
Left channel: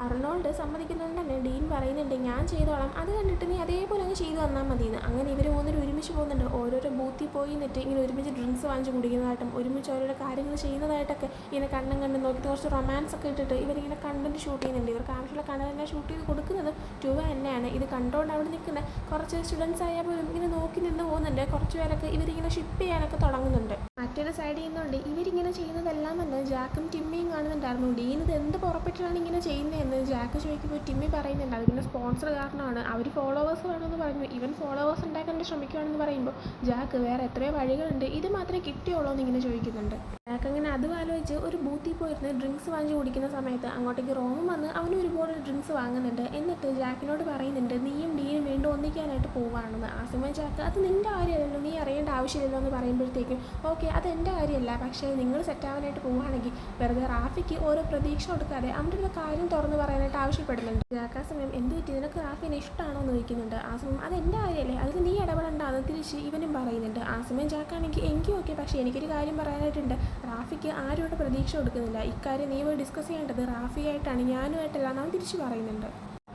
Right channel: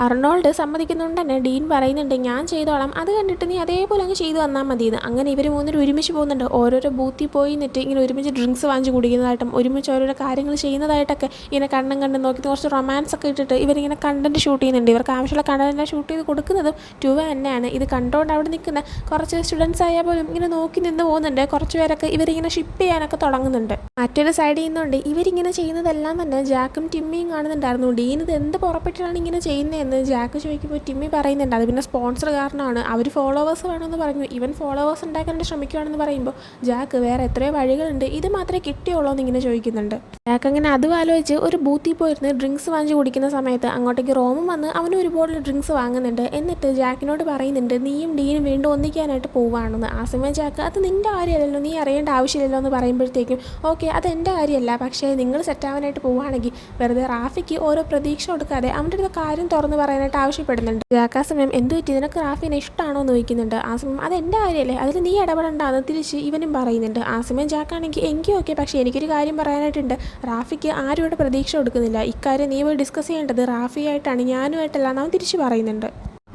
അർണോൾഡ് സമ്മതിക്കുന്നതുകൊണ്ട് തന്നെ ഡീൻ പറയുന്നുണ്ട് ഞാൻ ചെയ്തോളാം, അത് കണ്ടിട്ട് നീ അതേപോലെ അങ്ങ് ചെയ്തു തന്നാൽ മതിയെന്ന്. അങ്ങനെ ഇവർ മൂന്നിനും ഒരുമിച്ച് പോകുന്നുണ്ട്. ഓരോരോ ബൂത്തിൽ പോയി നിന്നിട്ട് ഇങ്ങനെ ഒരുമിച്ച് ഡ്രിങ്ക്സ് വാങ്ങിച്ച് കുടിക്കുന്നതായിട്ടും ഒരുമിച്ച് ഓരോരോ കാര്യങ്ങൾ ചെയ്യുന്നതായിട്ടൊക്കെ ഇങ്ങനെ കണ്ടും നോക്കി കുറച്ച് റൊമാൻസ് ഒക്കെ ഇട്ടിട്ട് ഇവരിങ്ങനെ കണ്ടന്റ് ഷൂട്ട് ചെയ്യുന്നുണ്ട്. ഇവർക്ക് ആവശ്യമുള്ള കണ്ടന്റ് ഷൂട്ട് ചെയ്ത് കൊടുക്കുന്നതും ടുവ തന്നെയാണ്. ഇത് കണ്ടുകൊണ്ട് അവിടെ നിൽക്കുന്ന കുറച്ച് സ്റ്റുഡൻസ് ആയാൽ പോലും ഇങ്ങനെ നോക്കി നിന്ന് പോകുന്നുണ്ട്. കുറച്ച് പേരൊക്കെ ഇവരിങ്ങനെ ഷിപ്പ് ചെയ്യാനൊക്കെ തുടങ്ങുന്നുണ്ട്. മറ്റൊരു സൈഡിൽ നിന്നുകൊണ്ട് ഇവരിങ്ങനെ ചെയ്യുന്നതെല്ലാം തന്നെ ജാക്കും ടിമ്മിയും കാണുന്നുണ്ടായിരുന്നു. ഡീൻ ഇത് എന്ത് പുറപ്പെട്ടാണ് ഇങ്ങനെ ചെയ്യുന്നതെന്ന് ജാക്ക് ചോദിക്കുമ്പോൾ ടിമ്മി പറയുന്നുണ്ട് അത് പിന്നെ സ്പോൺസർ കാരണമാണ്, അവർ ഫോളോവേഴ്സ് വേണമെന്ന് പറഞ്ഞു, ഇവൻ ഫോളോവേഴ്സ് ഉണ്ടാക്കാൻ ശ്രമിക്കുകയാണെന്ന് പറയുമ്പോൾ ജാക്ക് വേറെ എത്രയോ വഴികളുണ്ട്, ഇത് മാത്രമേ കിട്ടിയുള്ളൂ എന്ന് ഇങ്ങനെ ചോദിക്കുന്നുണ്ട്. ജാക്ക് അങ്ങനെ അതും ആലോചിച്ച് ഒരു ബൂത്തിൽ പോയിരുന്ന് ഡ്രിങ്ക്സ് വാങ്ങിച്ച് കുടിക്കുന്ന സമയത്ത് അങ്ങോട്ടേക്ക് റോമും വന്ന് അവനും ഒരുപാട് ഡ്രിങ്ക്സ് വാങ്ങുന്നുണ്ട്. എന്നിട്ട് ജാക്കിനോട് പറയുന്നുണ്ട് നീയും ഡീനും വീണ്ടും ഒന്നിക്കാനായിട്ട് പോവുകയാണെന്ന്. ആ സമയം ജാക്ക് അത് നിൻ്റെ കാര്യമല്ലല്ലോ, നീ അറിയേണ്ട ആവശ്യമില്ലല്ലോ എന്ന് പറയുമ്പോഴത്തേക്കും ഓക്കെ അത് എൻ്റെ കാര്യമല്ല, പക്ഷേ നിങ്ങൾ സെറ്റാവാനായിട്ട് പോവുകയാണെങ്കിൽ വെറുതെ റാഫിക്ക് ഓരോ പ്രതീക്ഷ കൊടുക്കാതെ അവൻ്റെ അടുത്ത് കാര്യം തുറന്ന് പറയാനായിട്ട് ആവശ്യപ്പെടുന്നുണ്ട്. ജാക്ക് ആ സമയം എന്ത് പറ്റി നിനക്ക് റാഫിനെ ഇഷ്ടമാണോ എന്ന് ചോദിക്കുന്നുണ്ട്. ആ സമയം അത് എൻ്റെ കാര്യമല്ലേ, അതിൽ നീ ഇടപെടേണ്ടത് തിരിച്ച് ഇവനും പറയുന്നുണ്ട്. ആ സമയം ജാക്കാണെങ്കിൽ എങ്കിൽ ഓക്കെ, പക്ഷേ എനിക്കൊരു കാര്യം പറയാനായിട്ടുണ്ട്, റാഫിക്ക് ആരും പ്രതീക്ഷ കൊടുക്കുന്നില്ല, ഇക്കാര്യം നീ പോയി ഡിസ്കസ് ചെയ്യേണ്ടത് റാഫിയായിട്ടാണ്, ഞാനുമായിട്ടല്ല എന്ന് അവൻ തിരിച്ച് പറയുന്നുണ്ട്.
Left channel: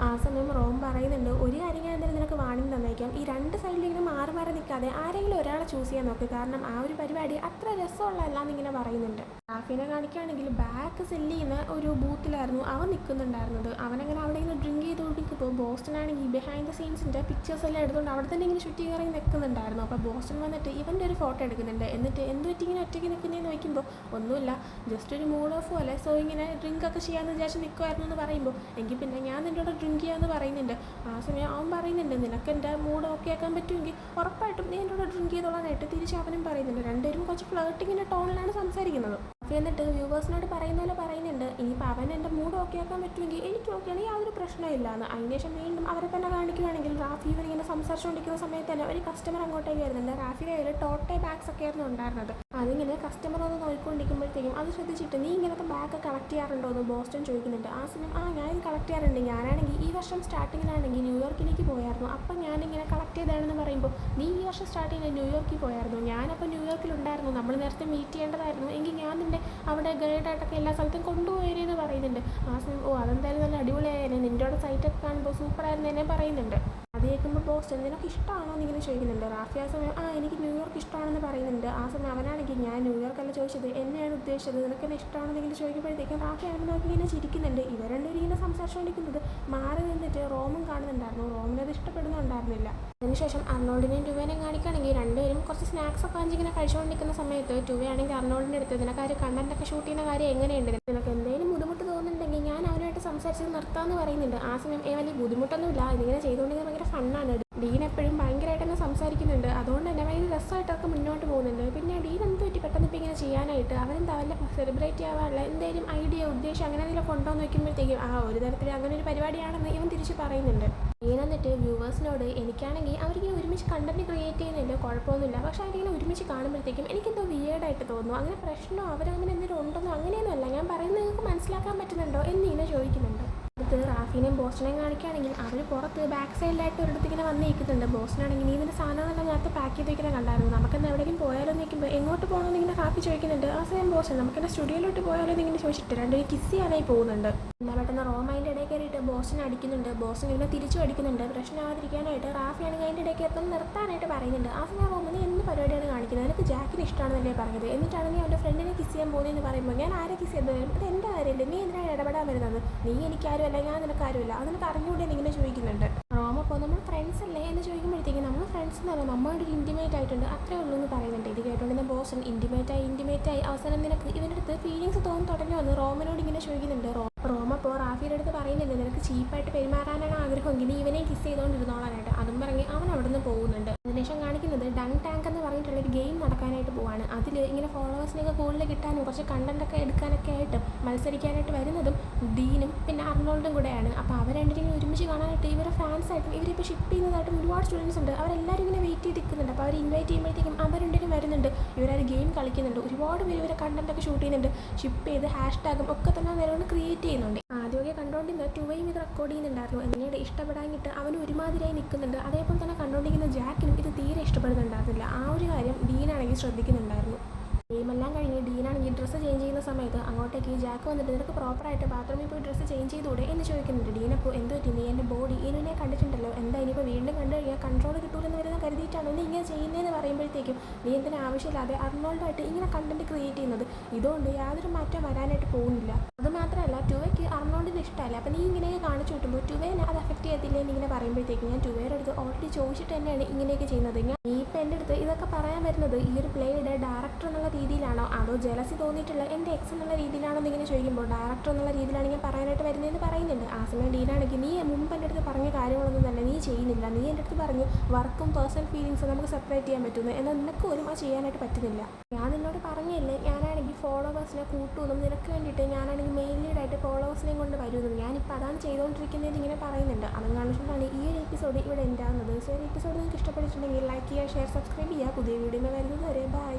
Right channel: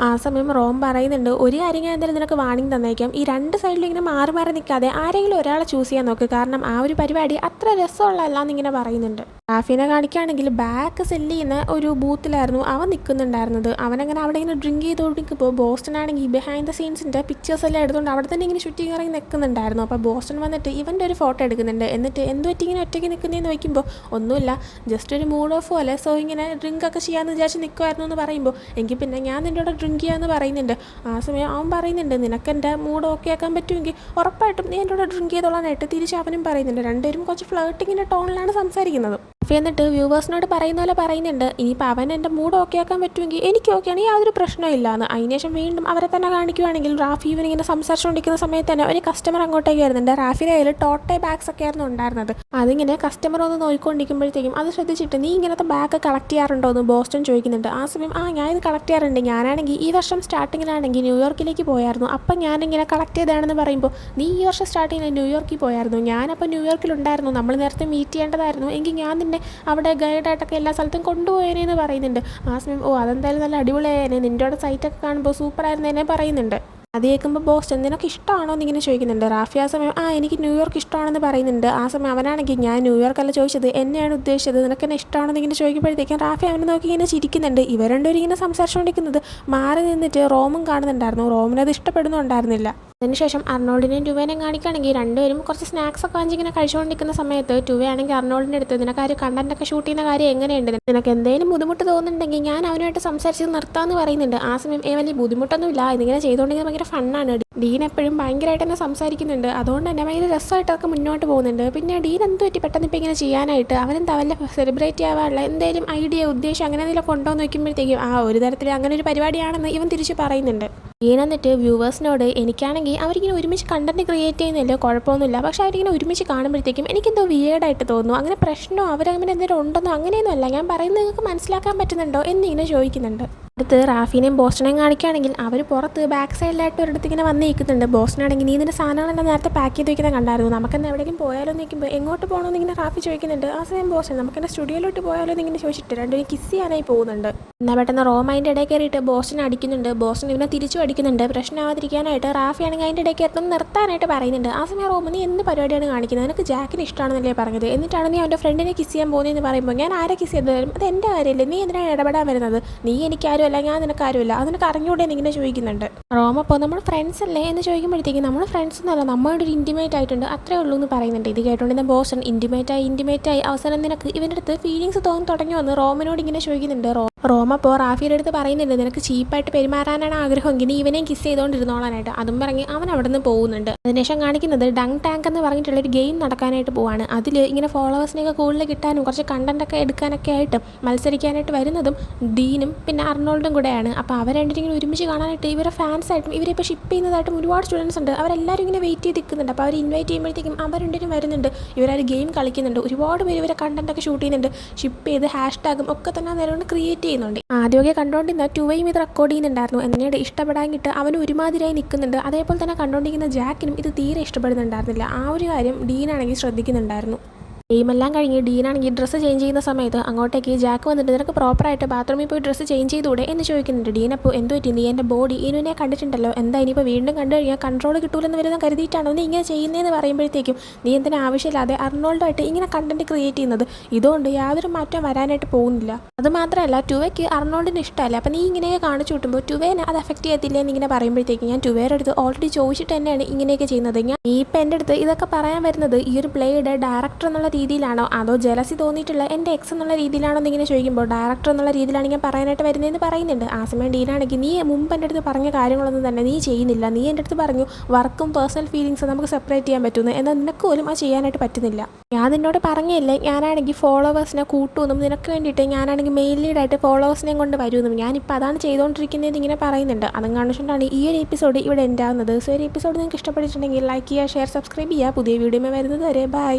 ആ സമയം റോം പറയുന്നുണ്ട് ഒരു കാര്യം ഞാൻ എന്തായാലും നിനക്ക് വാണിംഗ് തന്നേക്കാം, ഈ രണ്ട് സൈഡിലും ഇങ്ങനെ മാറി മാറി നിൽക്കാതെ ആരെങ്കിലും ഒരാളെ ചൂസ് ചെയ്യാൻ നോക്ക്, കാരണം ആ ഒരു പരിപാടി അത്ര രസമുള്ളതല്ല എന്നിങ്ങനെ പറയുന്നുണ്ട്. റാഫിനെ കാണിക്കുകയാണെങ്കിൽ ബാക്ക് സെല്ല് ചെയ്യുന്ന ഒരു ബൂത്തിലായിരുന്നു അവൻ നിൽക്കുന്നുണ്ടായിരുന്നത്. അവനങ്ങനെ അവിടെ ഇങ്ങനെ ഡ്രിങ്ക് ചെയ്തുകൊണ്ടിരിക്കുമ്പോൾ ബോസ്റ്റൺ ആണെങ്കിൽ ബിഹൈൻഡ് ദ സീൻസിൻ്റെ പിക്ചേഴ്സ് എല്ലാം എടുത്തുകൊണ്ട് അവിടെ തന്നെ ഇങ്ങനെ ചുറ്റി ഇറങ്ങി നിൽക്കുന്നുണ്ടായിരുന്നു. അപ്പോൾ ബോസ്റ്റൺ വന്നിട്ട് ഇവൻ്റെ ഒരു ഫോട്ടോ എടുക്കുന്നുണ്ട്. എന്നിട്ട് എന്ത് പറ്റി ഇങ്ങനെ ഒറ്റയ്ക്ക് നിൽക്കുന്നതെന്ന് ചോദിക്കുമ്പോൾ ഒന്നുമില്ല, ജസ്റ്റ് ഒരു മൂഡ് ഓഫ് പോലെ, സോ ഇങ്ങനെ ഡ്രിങ്ക് ഒക്കെ ചെയ്യാമെന്ന് വിചാരിച്ച് നിൽക്കുമായിരുന്നു എന്ന് പറയുമ്പോൾ എങ്കിൽ പിന്നെ ഞാൻ നിൻ്റെ കൂടെ ഡ്രിങ്ക് ചെയ്യാമെന്ന് പറയുന്നുണ്ട്. ആ സമയം അവൻ പറയുന്നുണ്ട് നിനക്ക് എൻ്റെ മൂഡ് ഓക്കെ ആക്കാൻ പറ്റുമെങ്കിൽ ഉറപ്പായിട്ടും നീ എൻ്റെ കൂടെ ഡ്രിങ്ക് ചെയ്തോളാനായിട്ട് തിരിച്ച് അവനും പറയുന്നുണ്ട്. രണ്ടുപേരും കുറച്ച് ഫ്ലേർട്ടിങ്ങിൻ്റെ ടോണിലാണ് സംസാരിക്കുന്നത്. എന്നിട്ട് വ്യൂവേഴ്സിനോട് പറയുന്ന പോലെ പറയുന്നുണ്ട് ഇനിയിപ്പോൾ അവൻ എൻ്റെ മൂഡ് ഓക്കെ ആക്കാൻ പറ്റുമെങ്കിൽ എനിക്ക് ഓക്കെയാണ്, യാതൊരു പ്രശ്നവും ഇല്ലാന്ന്. അതിനുശേഷം വീണ്ടും അവരെ തന്നെ കാണിക്കുവാണെങ്കിൽ റാഫി ഇവനിങ്ങനെ സംസാരിച്ചുകൊണ്ടിരിക്കുന്ന സമയത്ത് തന്നെ ഒരു കസ്റ്റമർ അങ്ങോട്ടേക്ക് വരുന്നുണ്ട്. റാഫിയുടെ കയ്യിൽ ടോട്ടെ ബാഗ്സ് ഒക്കെ ആയിരുന്നു ഉണ്ടായിരുന്നത്. അതിങ്ങനെ കസ്റ്റമർ ഒന്ന് നോക്കിക്കൊണ്ടിരിക്കുമ്പോഴത്തേക്കും അത് ശ്രദ്ധിച്ചിട്ട് നീ ഇങ്ങനത്തെ ബാഗ് കളക്ട് ചെയ്യാറുണ്ടോ എന്ന് ബോസ്റ്റൺ ചോദിക്കുന്നുണ്ട്. ആ സമയം ഞാൻ ഇത് കളക്ട് ചെയ്യാറുണ്ട്, ഞാനാണെങ്കിൽ ഈ വർഷം സ്റ്റാർട്ടിങ്ങിലാണെങ്കിൽ ന്യൂയോർക്കിലേക്ക് പോയായിരുന്നു, അപ്പം ഞാനിങ്ങനെ കളക്ട് ചെയ്തതാണെന്ന് പറയുമ്പോൾ നീ ഈ വർഷം സ്റ്റാർട്ടിങ്ങിൽ ന്യൂയോർക്കിൽ പോയായിരുന്നു, ഞാനപ്പോൾ ന്യൂയോർക്കിലുണ്ടായിരുന്നു, നമ്മൾ നേരത്തെ മീറ്റ് ചെയ്യേണ്ടതായിരുന്നു, എങ്കിൽ ഞാൻ നിന്നെ അവിടെ ഗൈഡായിട്ടൊക്കെ എല്ലാ സ്ഥലത്തും കൊണ്ടുപോയേനെന്ന് പറയുന്നുണ്ട്. ആ സമയം അതെന്തായാലും നല്ല അടിപൊളിയായേനെ, നിൻ്റെ അവിടെ സൈറ്റൊക്കെ കാണുമ്പോൾ സൂപ്പറായിരുന്നേനെ പറയുന്നുണ്ട്. അത് കേൾക്കുമ്പോൾ ബോസ്റ്റൺ നിനക്ക് ഇഷ്ടമാണോ എന്നിങ്ങനെ ചോദിക്കുന്നുണ്ട്. റാഫി ആ സമയം എനിക്ക് ന്യൂയോർക്ക് ഇഷ്ടമാണെന്ന് പറയുന്നുണ്ട്. ആ സമയം അവനാണെങ്കിൽ ഞാൻ ന്യൂയോർക്ക് അല്ല ചോദിച്ചത്, എന്നെയാണ് ഉദ്ദേശിച്ചത്, നിനക്ക് എന്നെ ഇഷ്ടമാണെന്ന് ഇങ്ങനെ ചോദിക്കുമ്പോഴത്തേക്കും റാഫി അവനെ നോക്കി ഇങ്ങനെ ചിരിക്കുന്നുണ്ട്. ഇവർ രണ്ടുപേരും ഇങ്ങനെ സംസാരിച്ചുകൊണ്ടിരിക്കുന്നത് മാറി നിന്നിട്ട് റോമും കാണുന്നുണ്ടായിരുന്നു. റോമിനത് ഇഷ്ടപ്പെടുന്നുണ്ടായിരുന്നില്ല. അതിനുശേഷം അർണോൾഡിനെയും ടുവേനെയും കാണിക്കുകയാണെങ്കിൽ രണ്ടുപേരും കുറച്ച് സ്നാക്സ് ഒക്കെ വാങ്ങിച്ചിങ്ങനെ കഴിച്ചുകൊണ്ടിരിക്കുന്ന സമയത്ത് ടുവേ ആണെങ്കിൽ അർണോൾഡിൻ്റെ അടുത്ത് നിനക്ക് ആ ഒരു കണ്ടന്റൊക്കെ ഷൂട്ട് ചെയ്യുന്ന കാര്യം എങ്ങനെയുണ്ട്, നിനക്ക് എന്തെങ്കിലും ബുദ്ധിമുട്ട് തോന്നുന്നുണ്ടെങ്കിൽ ഞാൻ അവനുമായിട്ട് സംസാരിച്ച് നിർത്താമെന്ന് പറയുന്നുണ്ട്. ആ സമയം വലിയ ബുദ്ധിമുട്ടൊന്നുമില്ല, ഇതിങ്ങനെ ചെയ്തുകൊണ്ടിരിക്കുന്നത് ഭയങ്കര ഫണ്ണാണ്. ഡീൻ എപ്പോഴും ഭയങ്കരമായിട്ട് തന്നെ സംസാരിക്കുന്നുണ്ട്. അതുകൊണ്ട് തന്നെ ഭയങ്കര രസമായിട്ടൊക്കെ മുന്നോട്ട് പോകുന്നുണ്ട്. പിന്നെ ഡീൻ എന്ത് പറ്റി പെട്ടെന്ന് ഇപ്പോൾ ഇങ്ങനെ ചെയ്യാനായിട്ട്, അവനെന്താ വല്ല സെലിബ്രേറ്റ് ചെയ്യാനുള്ള എന്തെങ്കിലും ഐഡിയ ഉദ്ദേശം അങ്ങനെ എന്തെങ്കിലും കൊണ്ടുവന്ന് വയ്ക്കുമ്പോഴത്തേക്കും ഒരു തരത്തിൽ അങ്ങനെ ഒരു പരിപാടിയാണെന്ന് ഇവൻ തിരിച്ച് പറയുന്നുണ്ട്. ഡീൻ എന്നിട്ട് വ്യൂവേഴ്സിനോട് എനിക്കാണെങ്കിൽ അവരിങ്ങനെ ഒരുമിച്ച് കണ്ടന്റ് ക്രിയേറ്റ് ചെയ്യുന്നില്ല, കുഴപ്പമൊന്നുമില്ല, പക്ഷെ അവരിങ്ങനെ ഒരുമിച്ച് കാണുമ്പോഴത്തേക്കും എനിക്കെന്തോ വിയേർഡായിട്ട് തോന്നുന്നു. അങ്ങനെ പ്രശ്നമോ അവരങ്ങനെ എന്തെങ്കിലും ഉണ്ടെന്നോ അങ്ങനെയൊന്നും അല്ല, ഞാൻ പറയുന്നത് നിങ്ങൾക്ക് മനസ്സിലാക്കാൻ പറ്റുന്നുണ്ടോ എന്നിങ്ങനെ ചോദിക്കുന്നുണ്ട്. അടുത്ത് റാഫിനെയും ബോസ്റ്റനെയും കാണിക്കുകയാണെങ്കിൽ അവർ പുറത്ത് ബാക്ക് സൈഡിലായിട്ട് ഒരിടത്ത് ഇങ്ങനെ വന്ന് നിൽക്കുന്നുണ്ട്. ബോസ്റ്റനാണെങ്കിൽ നീ ഇതിൻ്റെ സാധനങ്ങളെല്ലാം നേരത്തെ പാക്ക് ചെയ്ത് വയ്ക്കുന്നത് കണ്ടായിരുന്നു, നമുക്കെന്താ എവിടേക്കും പോയാലോ എന്ന് നിൽക്കുമ്പോൾ എങ്ങോട്ട് പോകണമെന്ന് ഇങ്ങനെ റാഫി ചോദിക്കുന്നുണ്ട്. ആ സമയം ബോസ്റ്റൻ നമുക്കെന്നെ സ്റ്റുഡിയോയിലോട്ട് പോയാലോ എന്ന് ഇങ്ങനെ ചോദിച്ചിട്ട് രണ്ടുപേരും കിസ് ചെയ്യാനായി പോകുന്നുണ്ട്. എന്നാൽ പെട്ടെന്ന് റോം അതിൻ്റെ ഇടയിൽ കയറിയിട്ട് ബോസ്റ്റൻ അടിക്കുന്നുണ്ട്. ബോസ്റ്റൻ ഇവനെ തിരിച്ചു അടിക്കുന്നുണ്ട്. പ്രശ്നമാവാതിരിക്കാനായിട്ട് റാഫി ആണെങ്കിൽ അതിൻ്റെ ഇടയ്ക്ക് എത്തുന്ന നിർത്താനായിട്ട് പറയുന്നുണ്ട്. ആ സമയം റോം നീ എന്ത് പരിപാടിയാണ് കാണിക്കുന്നത്, നിനക്ക് ജാക്കിന് ഇഷ്ടമാണെന്നല്ലേ പറഞ്ഞത്, എന്നിട്ടാണ് നീ അവൻ്റെ ഫ്രണ്ടിനെ കിസ് ചെയ്യാൻ പോകുന്നതെന്ന് പറയുമ്പോൾ ഞാൻ ആരെ കിസ് ചെയ്ത് തരും, അത് എൻ്റെ കാര്യമല്ലേ, നീ എന്തിനാണ് ഇടപെടാൻ വരുന്നത്, നീ എനിക്കാരും അല്ല, ഞാൻ നിനക്കാരുമില്ല, അതിനൊക്കെ അറിഞ്ഞൂടെ എന്നിങ്ങനെ ചോദിക്കുന്നുണ്ട്. റോം അപ്പോൾ നമ്മൾ ഫ്രണ്ട്സ് അല്ലേ എന്ന് ചോദിക്കുമ്പോഴത്തേക്കും നമ്മൾ ഫ്രണ്ട്സ് എന്നല്ല, നമ്മളോട് ഒരു ഇൻറ്റിമേറ്റ് ആയിട്ടുണ്ട് അത്രേ ഉള്ളൂ എന്ന് പറയുന്നുണ്ട്. ഇത് കേട്ടുകൊണ്ടിരുന്ന ബോസ്റ്റൻ ഇൻറ്റിമേറ്റായി അവസാനം നിനക്ക് ഇവൻ്റെ അടുത്ത് ഫീലിങ്സ് തോന്നി തുടങ്ങി വന്ന് റോമിനോട് ഇങ്ങനെ ചോദിക്കുന്നുണ്ട്. റോം അപ്പോൾ റാഫിയുടെ അടുത്ത് പറയുന്നുണ്ട് നിനക്ക് ചീപ്പായിട്ട് പെരുമാറാനാണ് ആഗ്രഹമെങ്കിൽ നീ ഇവനെയും കിസ് ചെയ്തുകൊണ്ടിരുന്നോളാനായിട്ട്. അതും പറഞ്ഞ് അവൻ അവിടെ നിന്ന് പോകുന്നുണ്ട്. അതിനുശേഷം കാണിക്കുന്നത് ഡങ് ടാങ്ക് എന്ന് പറഞ്ഞിട്ടുള്ള ഒരു ഗെയിം നടക്കാനായിട്ട് പോവാണ്. അതിൽ ഇങ്ങനെ ഫോളോവേഴ്സിനെയൊക്കെ കൂടുതൽ കിട്ടാനും കുറച്ച് കണ്ടന്റൊക്കെ എടുക്കാനൊക്കെ ആയിട്ട് മത്സരിക്കാനായിട്ട് വരുന്നതും ഡീനും പിന്നെ അർണോൾഡും കൂടെയാണ്. അപ്പോൾ അവർ രണ്ടും ഇങ്ങനെ ഒരുമിച്ച് കാണാനായിട്ട് ഇവരെ ഫാൻസായിട്ടും ഇവരിപ്പോൾ ഷിപ്പ് ചെയ്യുന്നതായിട്ടും ഒരുപാട് സ്റ്റുഡൻസ് ഉണ്ട്. അവരെല്ലാവരും ഇങ്ങനെ വെയിറ്റ് ചെയ്ത് നിൽക്കുന്നുണ്ട്. അപ്പോൾ അവർ ഇൻവൈറ്റ് ചെയ്യുമ്പോഴത്തേക്കും അവർ രണ്ടുപേരും വരുന്നുണ്ട്. ഇവരൊരു ഗെയിം കളിക്കുന്നുണ്ട്. ഒരുപാട് പേര് ഇവരെ കണ്ടന്റൊക്കെ ഷൂട്ട് ചെയ്യുന്നുണ്ട്. ഷിപ്പ് ചെയ്ത് #ടാഗും ഒക്കെ തന്നെ നേരം ക്രിയേറ്റ് ചെയ്യുന്നുണ്ട്. ആദ്യമൊക്കെ കണ്ടുകൊണ്ടിരുന്ന ടുവയും ഇത് റെക്കോർഡ് ചെയ്യുന്നുണ്ടായിരുന്നു. എന്നോട് ഇഷ്ടപ്പെടാനിട്ട് അവൻ ഒരുമാതിരിയായി നിൽക്കുന്നുണ്ട്. അതേപോലെ തന്നെ കണ്ടുകൊണ്ടിരിക്കുന്ന ജാക്കിനും ഇത് തീരെ ഇഷ്ടപ്പെടുന്നുണ്ടായിരുന്നില്ല. ആ ഒരു കാര്യം ഡീനാണെങ്കിൽ ശ്രദ്ധിക്കുന്നുണ്ടായിരുന്നു. ഗെയിമെല്ലാം കഴിഞ്ഞ് ഡീനാണെങ്കിൽ ഡ്രസ്സ് ചേഞ്ച് ചെയ്യുന്ന സമയത്ത് അങ്ങോട്ടേക്ക് ജാക്ക് വന്നിട്ട് നിനക്ക് പ്രോപ്പറായിട്ട് ബാത്റൂമിൽ പോയി ഡ്രസ്സ് ചേഞ്ച് ചെയ്തുകൂടെ എന്ന് ചോദിക്കുന്നുണ്ട്. ഡീൻ അപ്പോൾ എന്ത് പറ്റി, നീ എൻ്റെ ബോഡി ഇനുവിനെ കണ്ടിട്ടുണ്ടല്ലോ, എന്താ ഇനിയിപ്പോൾ വീണ്ടും കണ്ടു കഴിഞ്ഞാൽ കൺട്രോൾ കിട്ടൂലെന്ന് വരുന്ന കരുതിയിട്ടാണോ നീ ഇങ്ങനെ ചെയ്യുന്നതെന്ന് പറയുമ്പോഴത്തേക്കും നീ എന്തിനാ ആവശ്യമില്ലാതെ അർണോൾഡായിട്ട് ഇങ്ങനെ കണ്ടന്റ് ക്രിയേറ്റ് ചെയ്യുന്നത്, ഇതുകൊണ്ട് യാതൊരു മാറ്റം വരാനായിട്ട് പോകുന്നില്ല. അത് മാത്രമല്ല ടുവയ്ക്ക് അർണോൾഡിന് ഇഷ്ടമല്ല, അപ്പോൾ നീ ഇങ്ങനെയൊക്കെ കാണിച്ചു കിട്ടുമ്പോൾ ടുവേനെ അത് എഫക്റ്റ് ചെയ്യത്തില്ലേ എന്നിങ്ങനെ പറയുമ്പോഴത്തേക്കും ഞാൻ ടുവേയുടെ അടുത്ത് ഓൾറെഡി ചോദിച്ചിട്ട് തന്നെയാണ് ഇങ്ങനെയൊക്കെ ചെയ്യുന്നത്. നീ ഇപ്പം എൻ്റെ അടുത്ത് ഇതൊക്കെ പറയാൻ വരുന്നത് ഈ ഒരു പ്ലേയുടെ ഡയറക്ടർ എന്നുള്ള രീതിയിലാണോ അതോ ജലസി തോന്നിയിട്ടുള്ള എൻ്റെ എക്സ് എന്നുള്ള രീതിയിലാണോ എന്നിങ്ങനെ ചോദിക്കുമ്പോൾ ഡയറക്ടർ എന്നുള്ള രീതിയിലാണ് ഞാൻ പറയാനായിട്ട് വരുന്നതെന്ന് പറയുന്നുണ്ട്. ആ സമയം ഡീനാണെങ്കിൽ നീ മുമ്പ് എൻ്റെ അടുത്ത് പറഞ്ഞ കാര്യങ്ങളൊന്നും തന്നെ നീ ചെയ്യുന്നില്ല, നീ എൻ്റെ അടുത്ത് പറഞ്ഞു വർക്കും പേഴ്സണൽ ഫീലിങ്സും നമുക്ക് സെപ്പറേറ്റ് ചെയ്യാൻ പറ്റുന്നു, എന്നാൽ നിനക്ക് പോലും അത് ചെയ്യാനായിട്ട് പറ്റുന്നില്ല. ഞാൻ നിന്നോട് പറഞ്ഞില്ലേ ഞാനാണെങ്കിൽ ഫോളോവേഴ്സിനെ കൂട്ടുമെന്നും നിനക്ക് വേണ്ടിയിട്ട് ഞാനാണെങ്കിൽ മെയിൽ ലീഡായിട്ട് ഫോളോവേഴ്സിനെയും കൊണ്ട് വരുമെന്നും, ഞാനിപ്പോൾ അതാണ് ചെയ്തുകൊണ്ടിരിക്കുന്നത് ഇങ്ങനെ പറയുന്നുണ്ട്. അതും കാണിച്ചുകൊണ്ടാണ് ഈ ഒരു എപ്പിസോഡ് ഇവിടെ എൻഡ് ആവുന്നത്. സോ ഒരു എപ്പിസോഡ് നിങ്ങൾക്ക് ഇഷ്ടപ്പെട്ടിട്ടുണ്ടെങ്കിൽ ലൈക്ക് ചെയ്യുക, ഷെയർ, സബ്സ്ക്രൈബ് ചെയ്യുക. പുതിയ വീഡിയോ വരുന്നത് വരെ ബൈ.